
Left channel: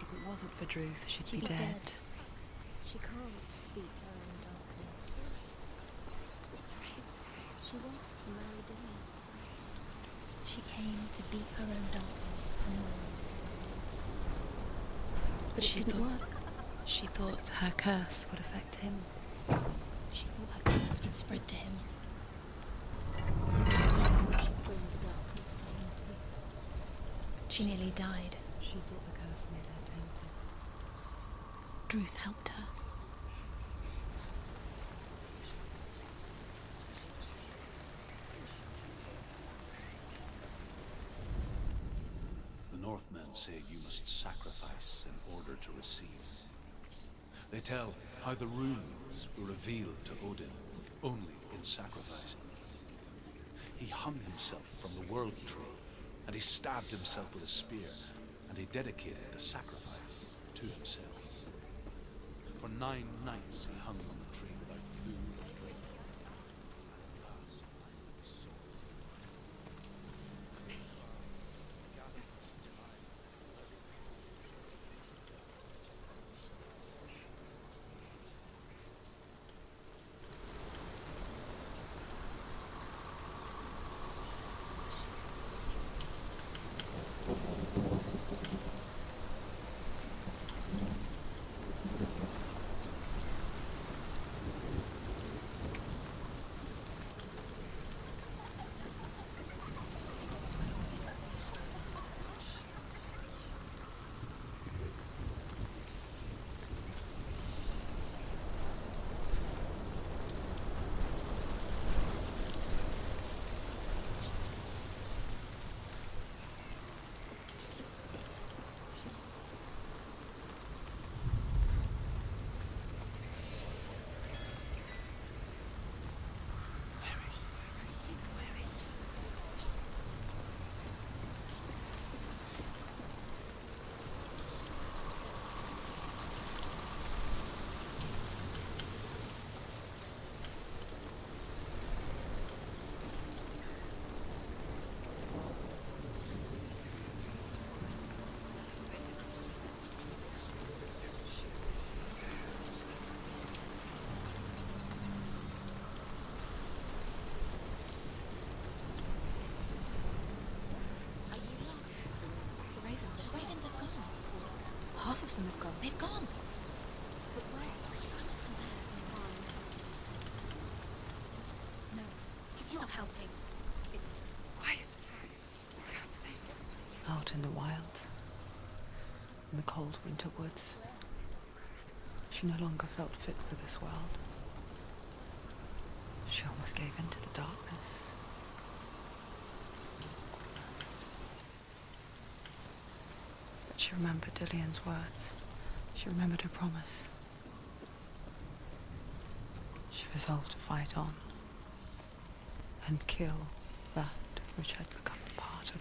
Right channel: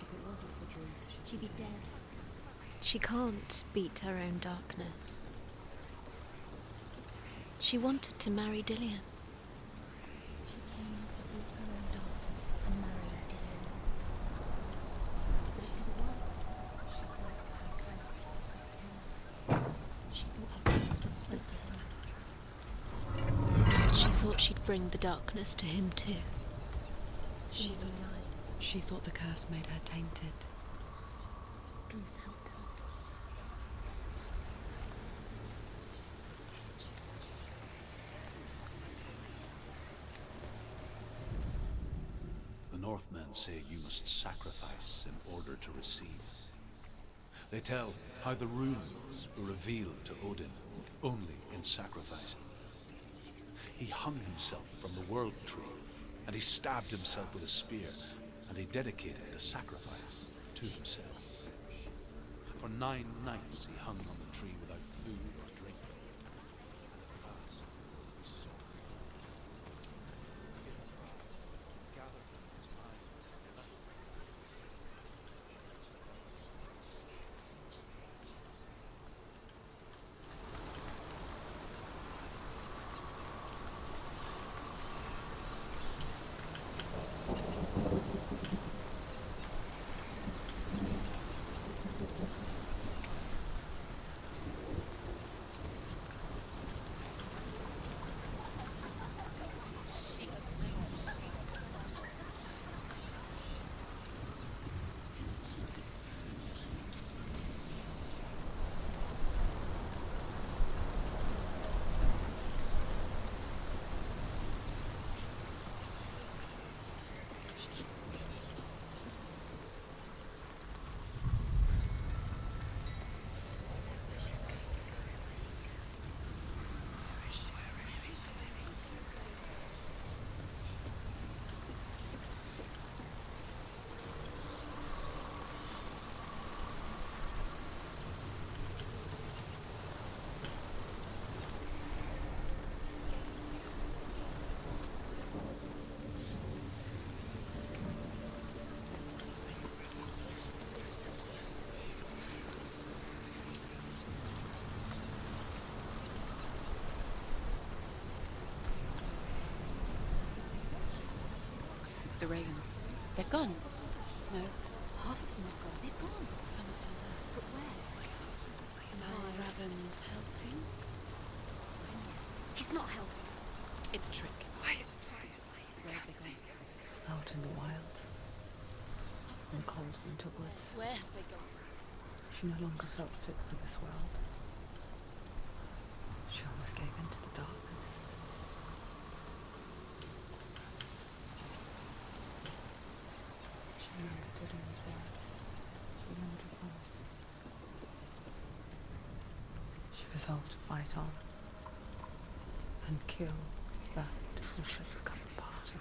If it wasn't for Druth, she'd be dead. She can't beat her own darkness. She wanted to marry Dillian. She came to beat her own darkness and marry Dillian. But it didn't work. She thought her curse would affect him. She thought her curse would spread to him. She thought she'd bring the darkness to him too. She nearly died. She thought the curse made her tainted. Druth helped her. The Northmen say you must sacrifice in order to receive. They tell how the runes were revealed to Odin only in sacrifice. He hung himself from the world tree, and he stabbed himself with a spear, and he dedicated a sacrifice to himself. For 9 nights he hung on the tree without food or drink. And at last he saw it. Gathered them his mind and left. delved into woods. Where have they gone? She no longer felt fit for this world. She almost gave in to the darkness. She remembered Dillian's words. She remembered her promise. She resolved to fight on and kill that which had become part of her.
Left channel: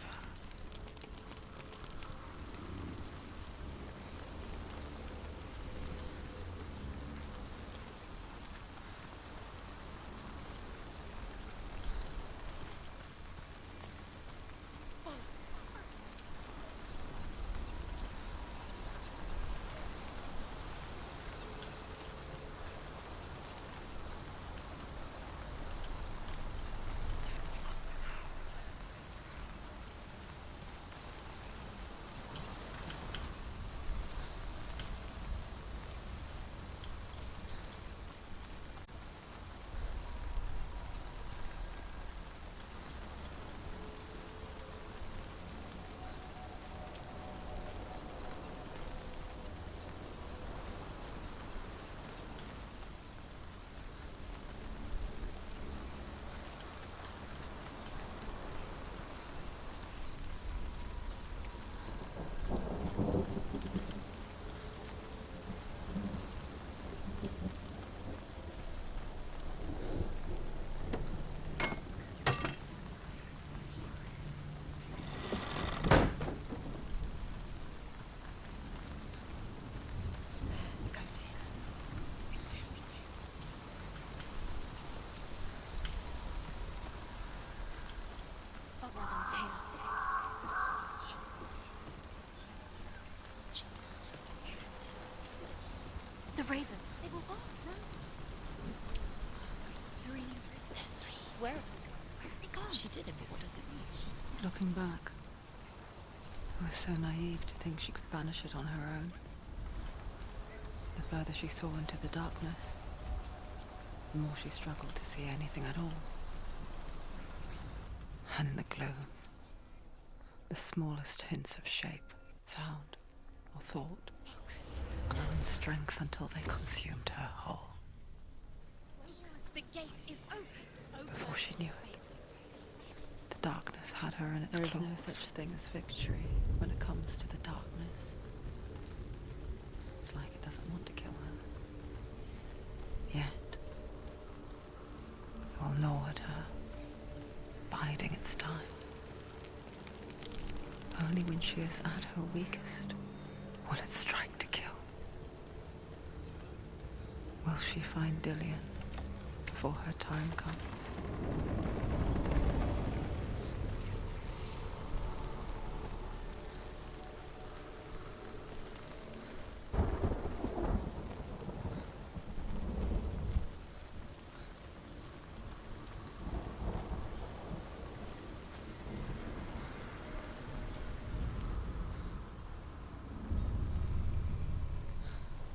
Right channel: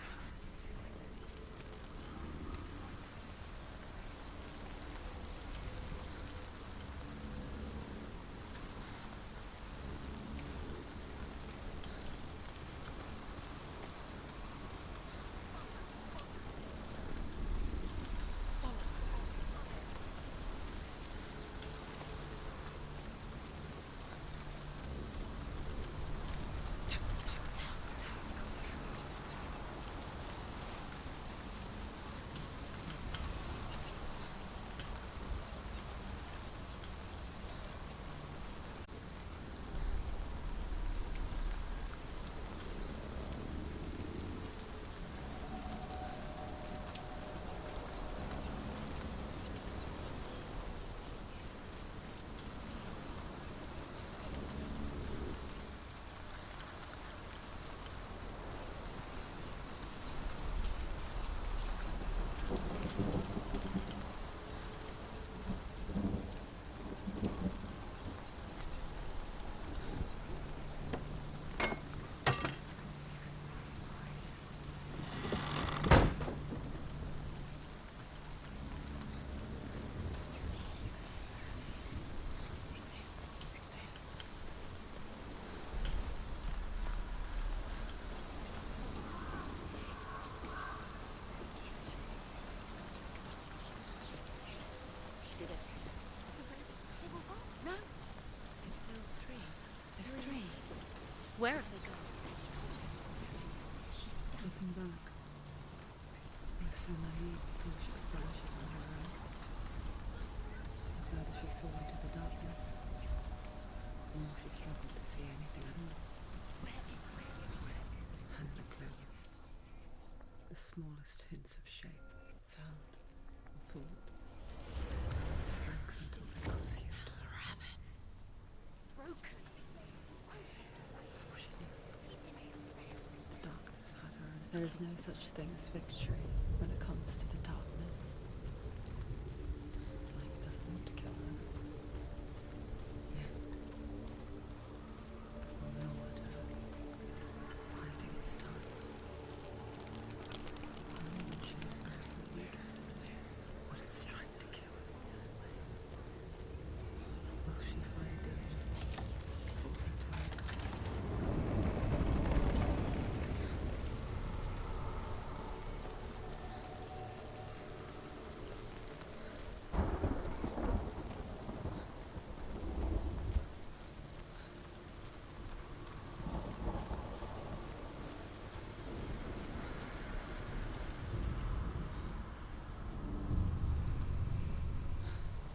The ravens. They were gone. No. There's still three. There's three. There's three. Where have they gone? Where have they gone? She didn't notice it. Looking back, it was so naive to think she could banish it on her own. The further she saw into the darkness, the more she struggled to see anything at all. And the gloom, the smallest hints of shape, sound, or thought, grew in strength until they consumed her whole. The gate is open. Before she knew it, the darkness had her in its claws. There is no such thing as victory when it comes to the darkness. It's like it doesn't want to kill her. Yet, it will gnaw at her, biding its time. Only when she is at her weakest will it strike to kill. Will she find Dillian before her time comes?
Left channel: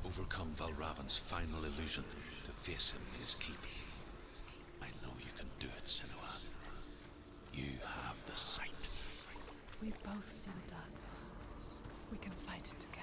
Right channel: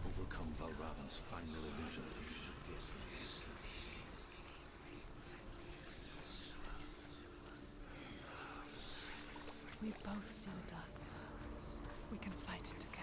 Overcome Valravan's final illusion to face him in his keep. I know you can do it, Senua. You have the sight. We both see the darkness. We can fight it together.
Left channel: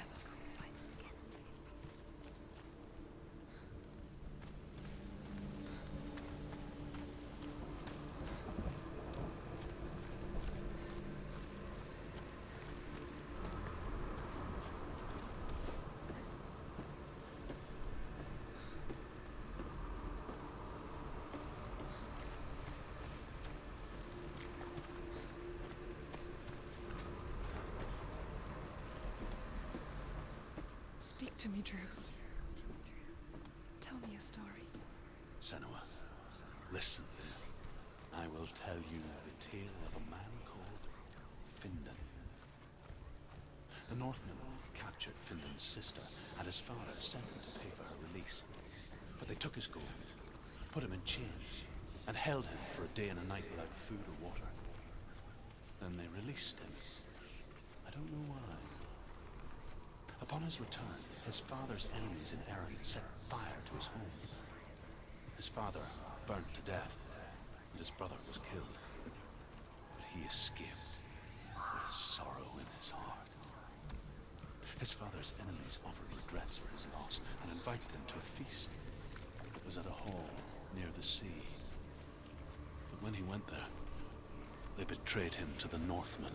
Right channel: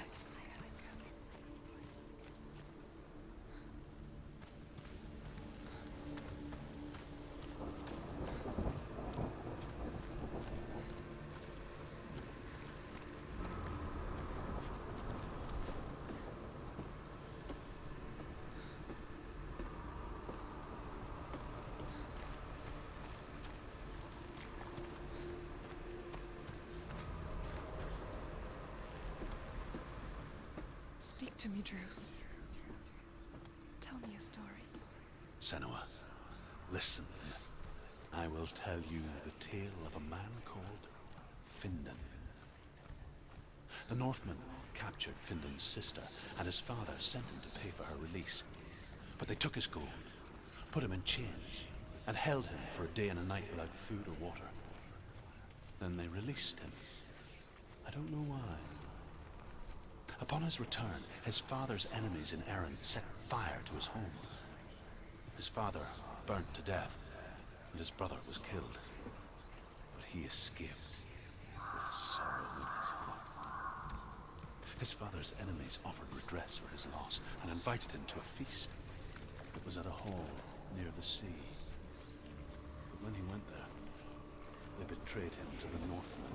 Speak to me, Druth. Tell me a story. Senua, listen. I will tell you the tale of a man called Findan. The Northmen captured Findan's sister, and his father sent him to pay for her release. But they took his gold, put him in chains, and held him for a day and a night without food or water. Then they released him. I don't know why. Upon his return, his father's enemies in Erin set fire to his home. His father burnt to death, and his brother was killed. But he escaped with sorrow in his heart. His father's enemies offered redress for his loss and invited him to a feast. It was at a hall near the sea. But when he went there, they betrayed him to the Northmen,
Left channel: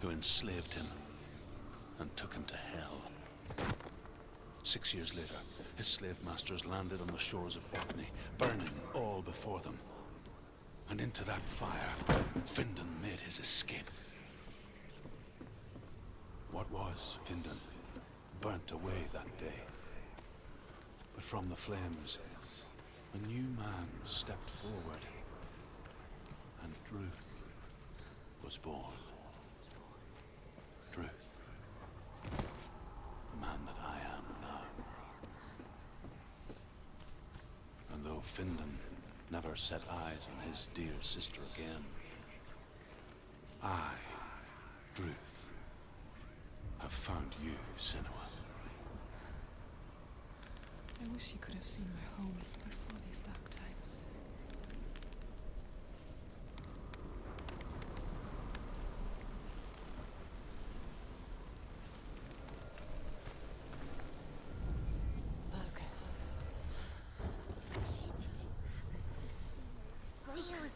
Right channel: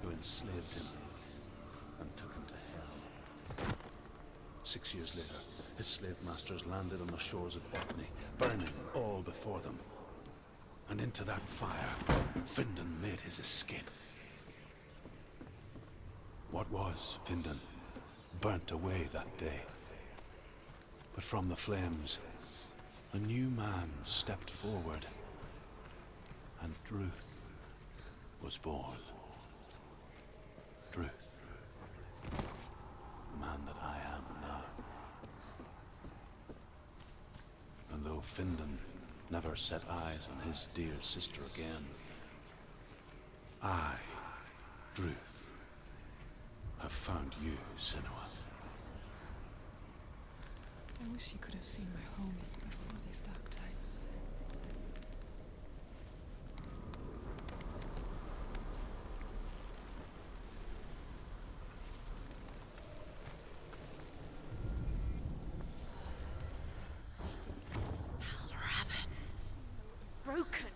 who enslaved him and took him to hell. 6 years later, his slave masters landed on the shores of Orkney, burning all before them. And into that fire, Findan made his escape. What was Findan burnt away that day. But from the flames, a new man stepped forward, and Druth was born. Druth, the man that I am now. And though Findan never set eyes on his dear sister again, I, Druth, have found you, Senua. I wish you could have seen my home before these dark times.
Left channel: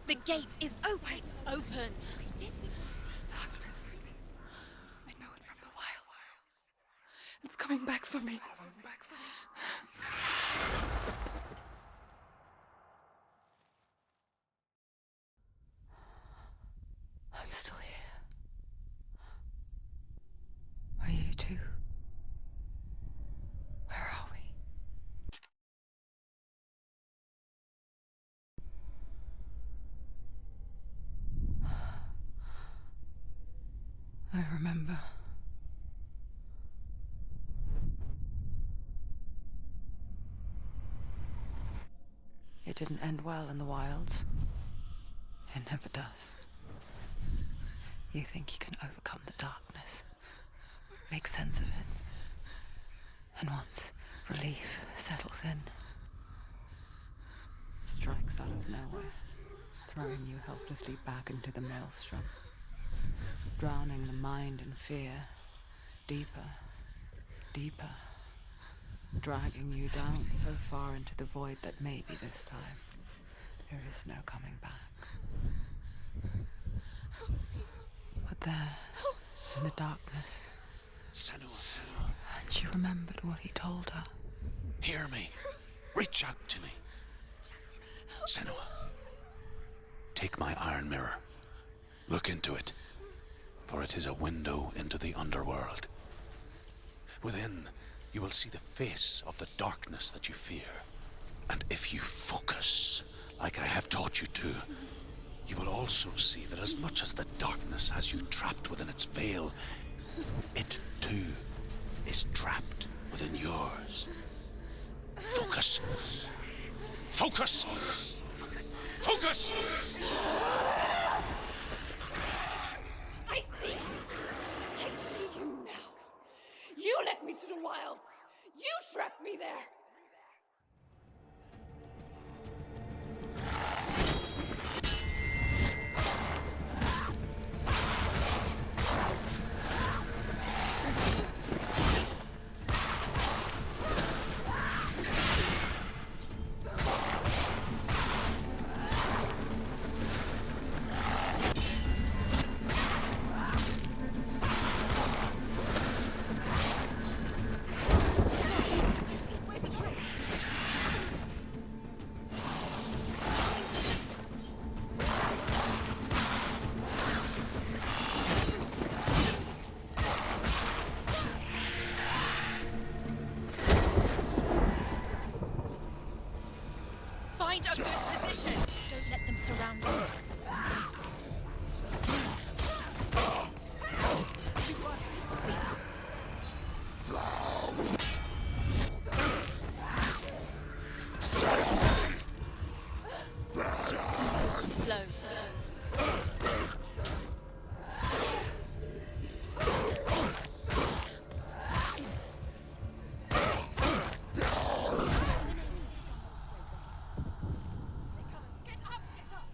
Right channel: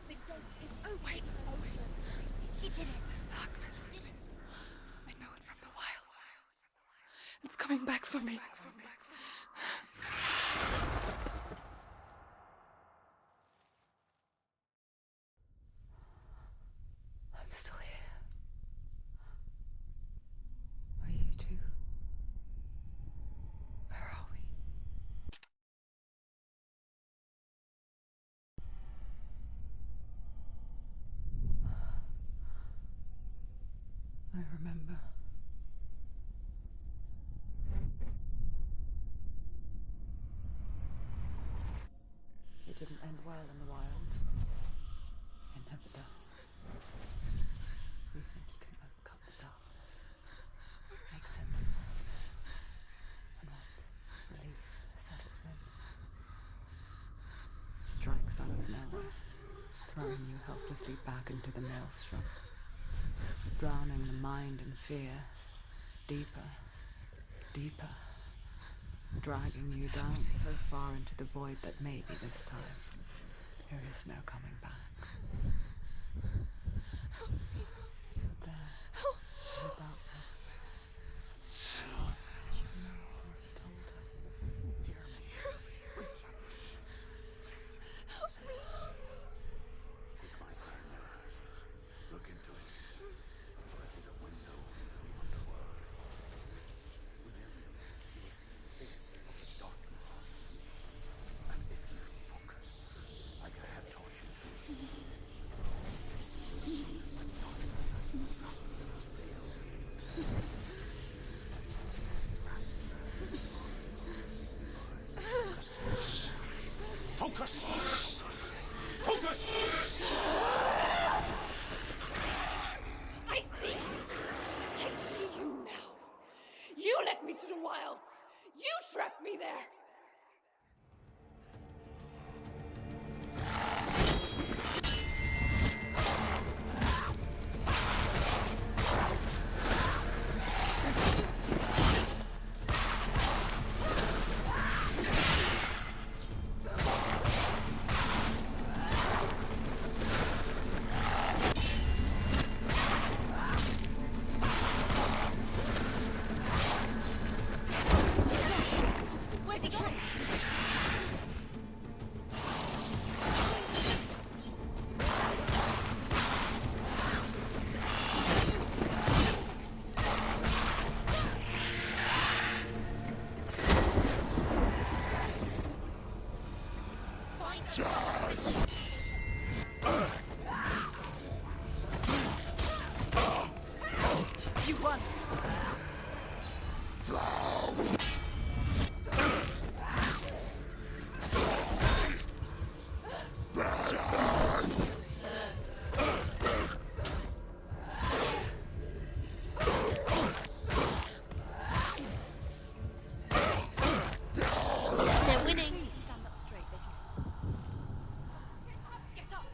The gate is open. Open. This darkness. I know it from the wilds. It's coming back for me. I'm still here. Are you too? Where are we? I remember. It didn't end well in the wilds. It never does. You think you can overcome the darkness, make sense of it, and once relief settles in, it strikes out of nowhere, throwing you helplessly back into the maelstrom, drowning the mind in fear, deeper, deeper, dragging you down so far into the void that maybe this time there is no coming back. But there, in the darkness, Senua, she remembered what he told her. hear me. Reach out to me. Senua, take my iron mirror. Look into it, for it is a window into the underworld. Within, you will see the face of the darkness that you fear. And if you focus, like I have taught you to, you will also see that as much as the darkness has you trapped within its veil, it too is trapped within yours. Focus. Focus! Focus! I see you now. You led me to the wilds. You trapped me there. Where's he gone? Find a position. Don't let them surround you. You run. Slow. They're winning. Stand up straight. Get up. Get up.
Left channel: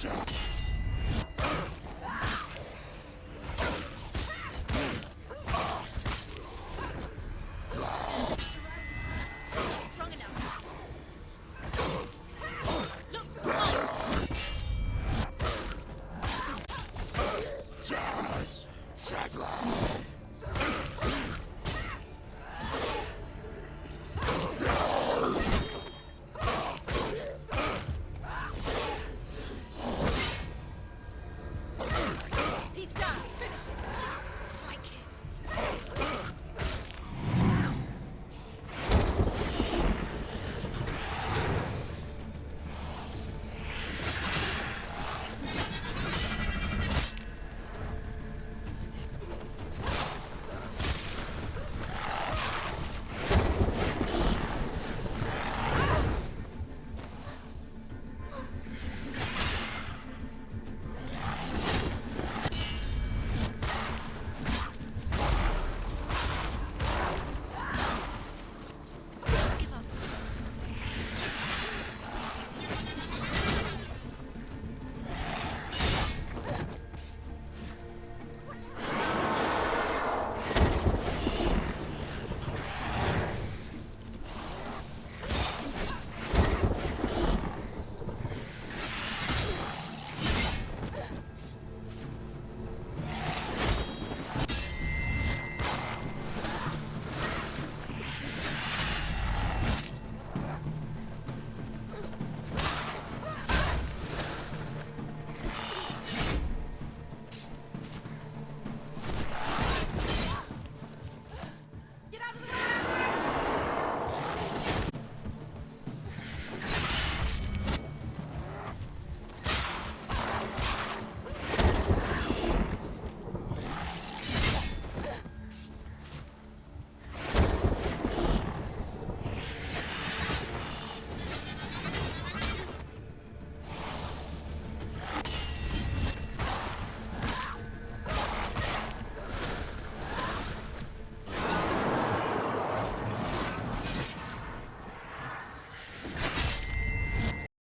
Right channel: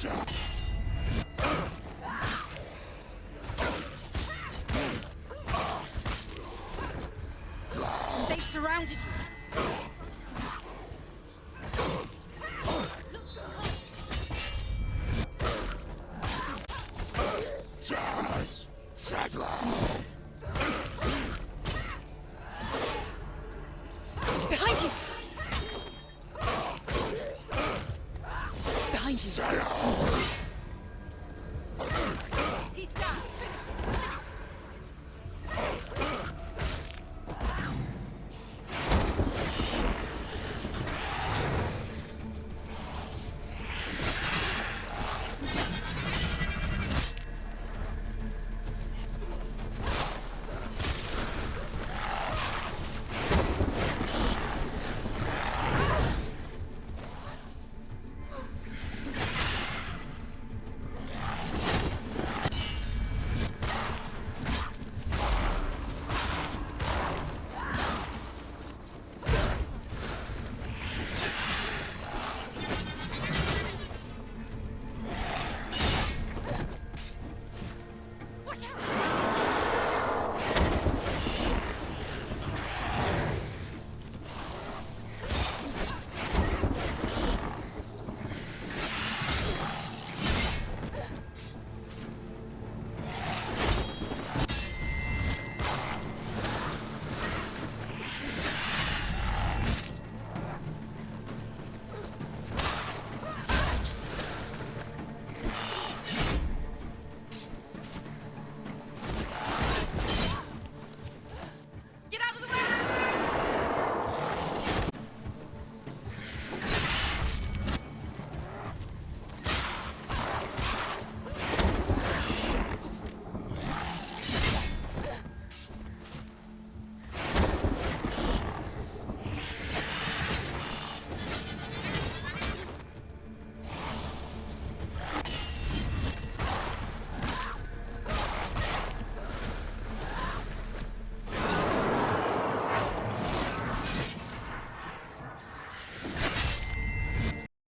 They've surrounded you. Strong enough. Behind you.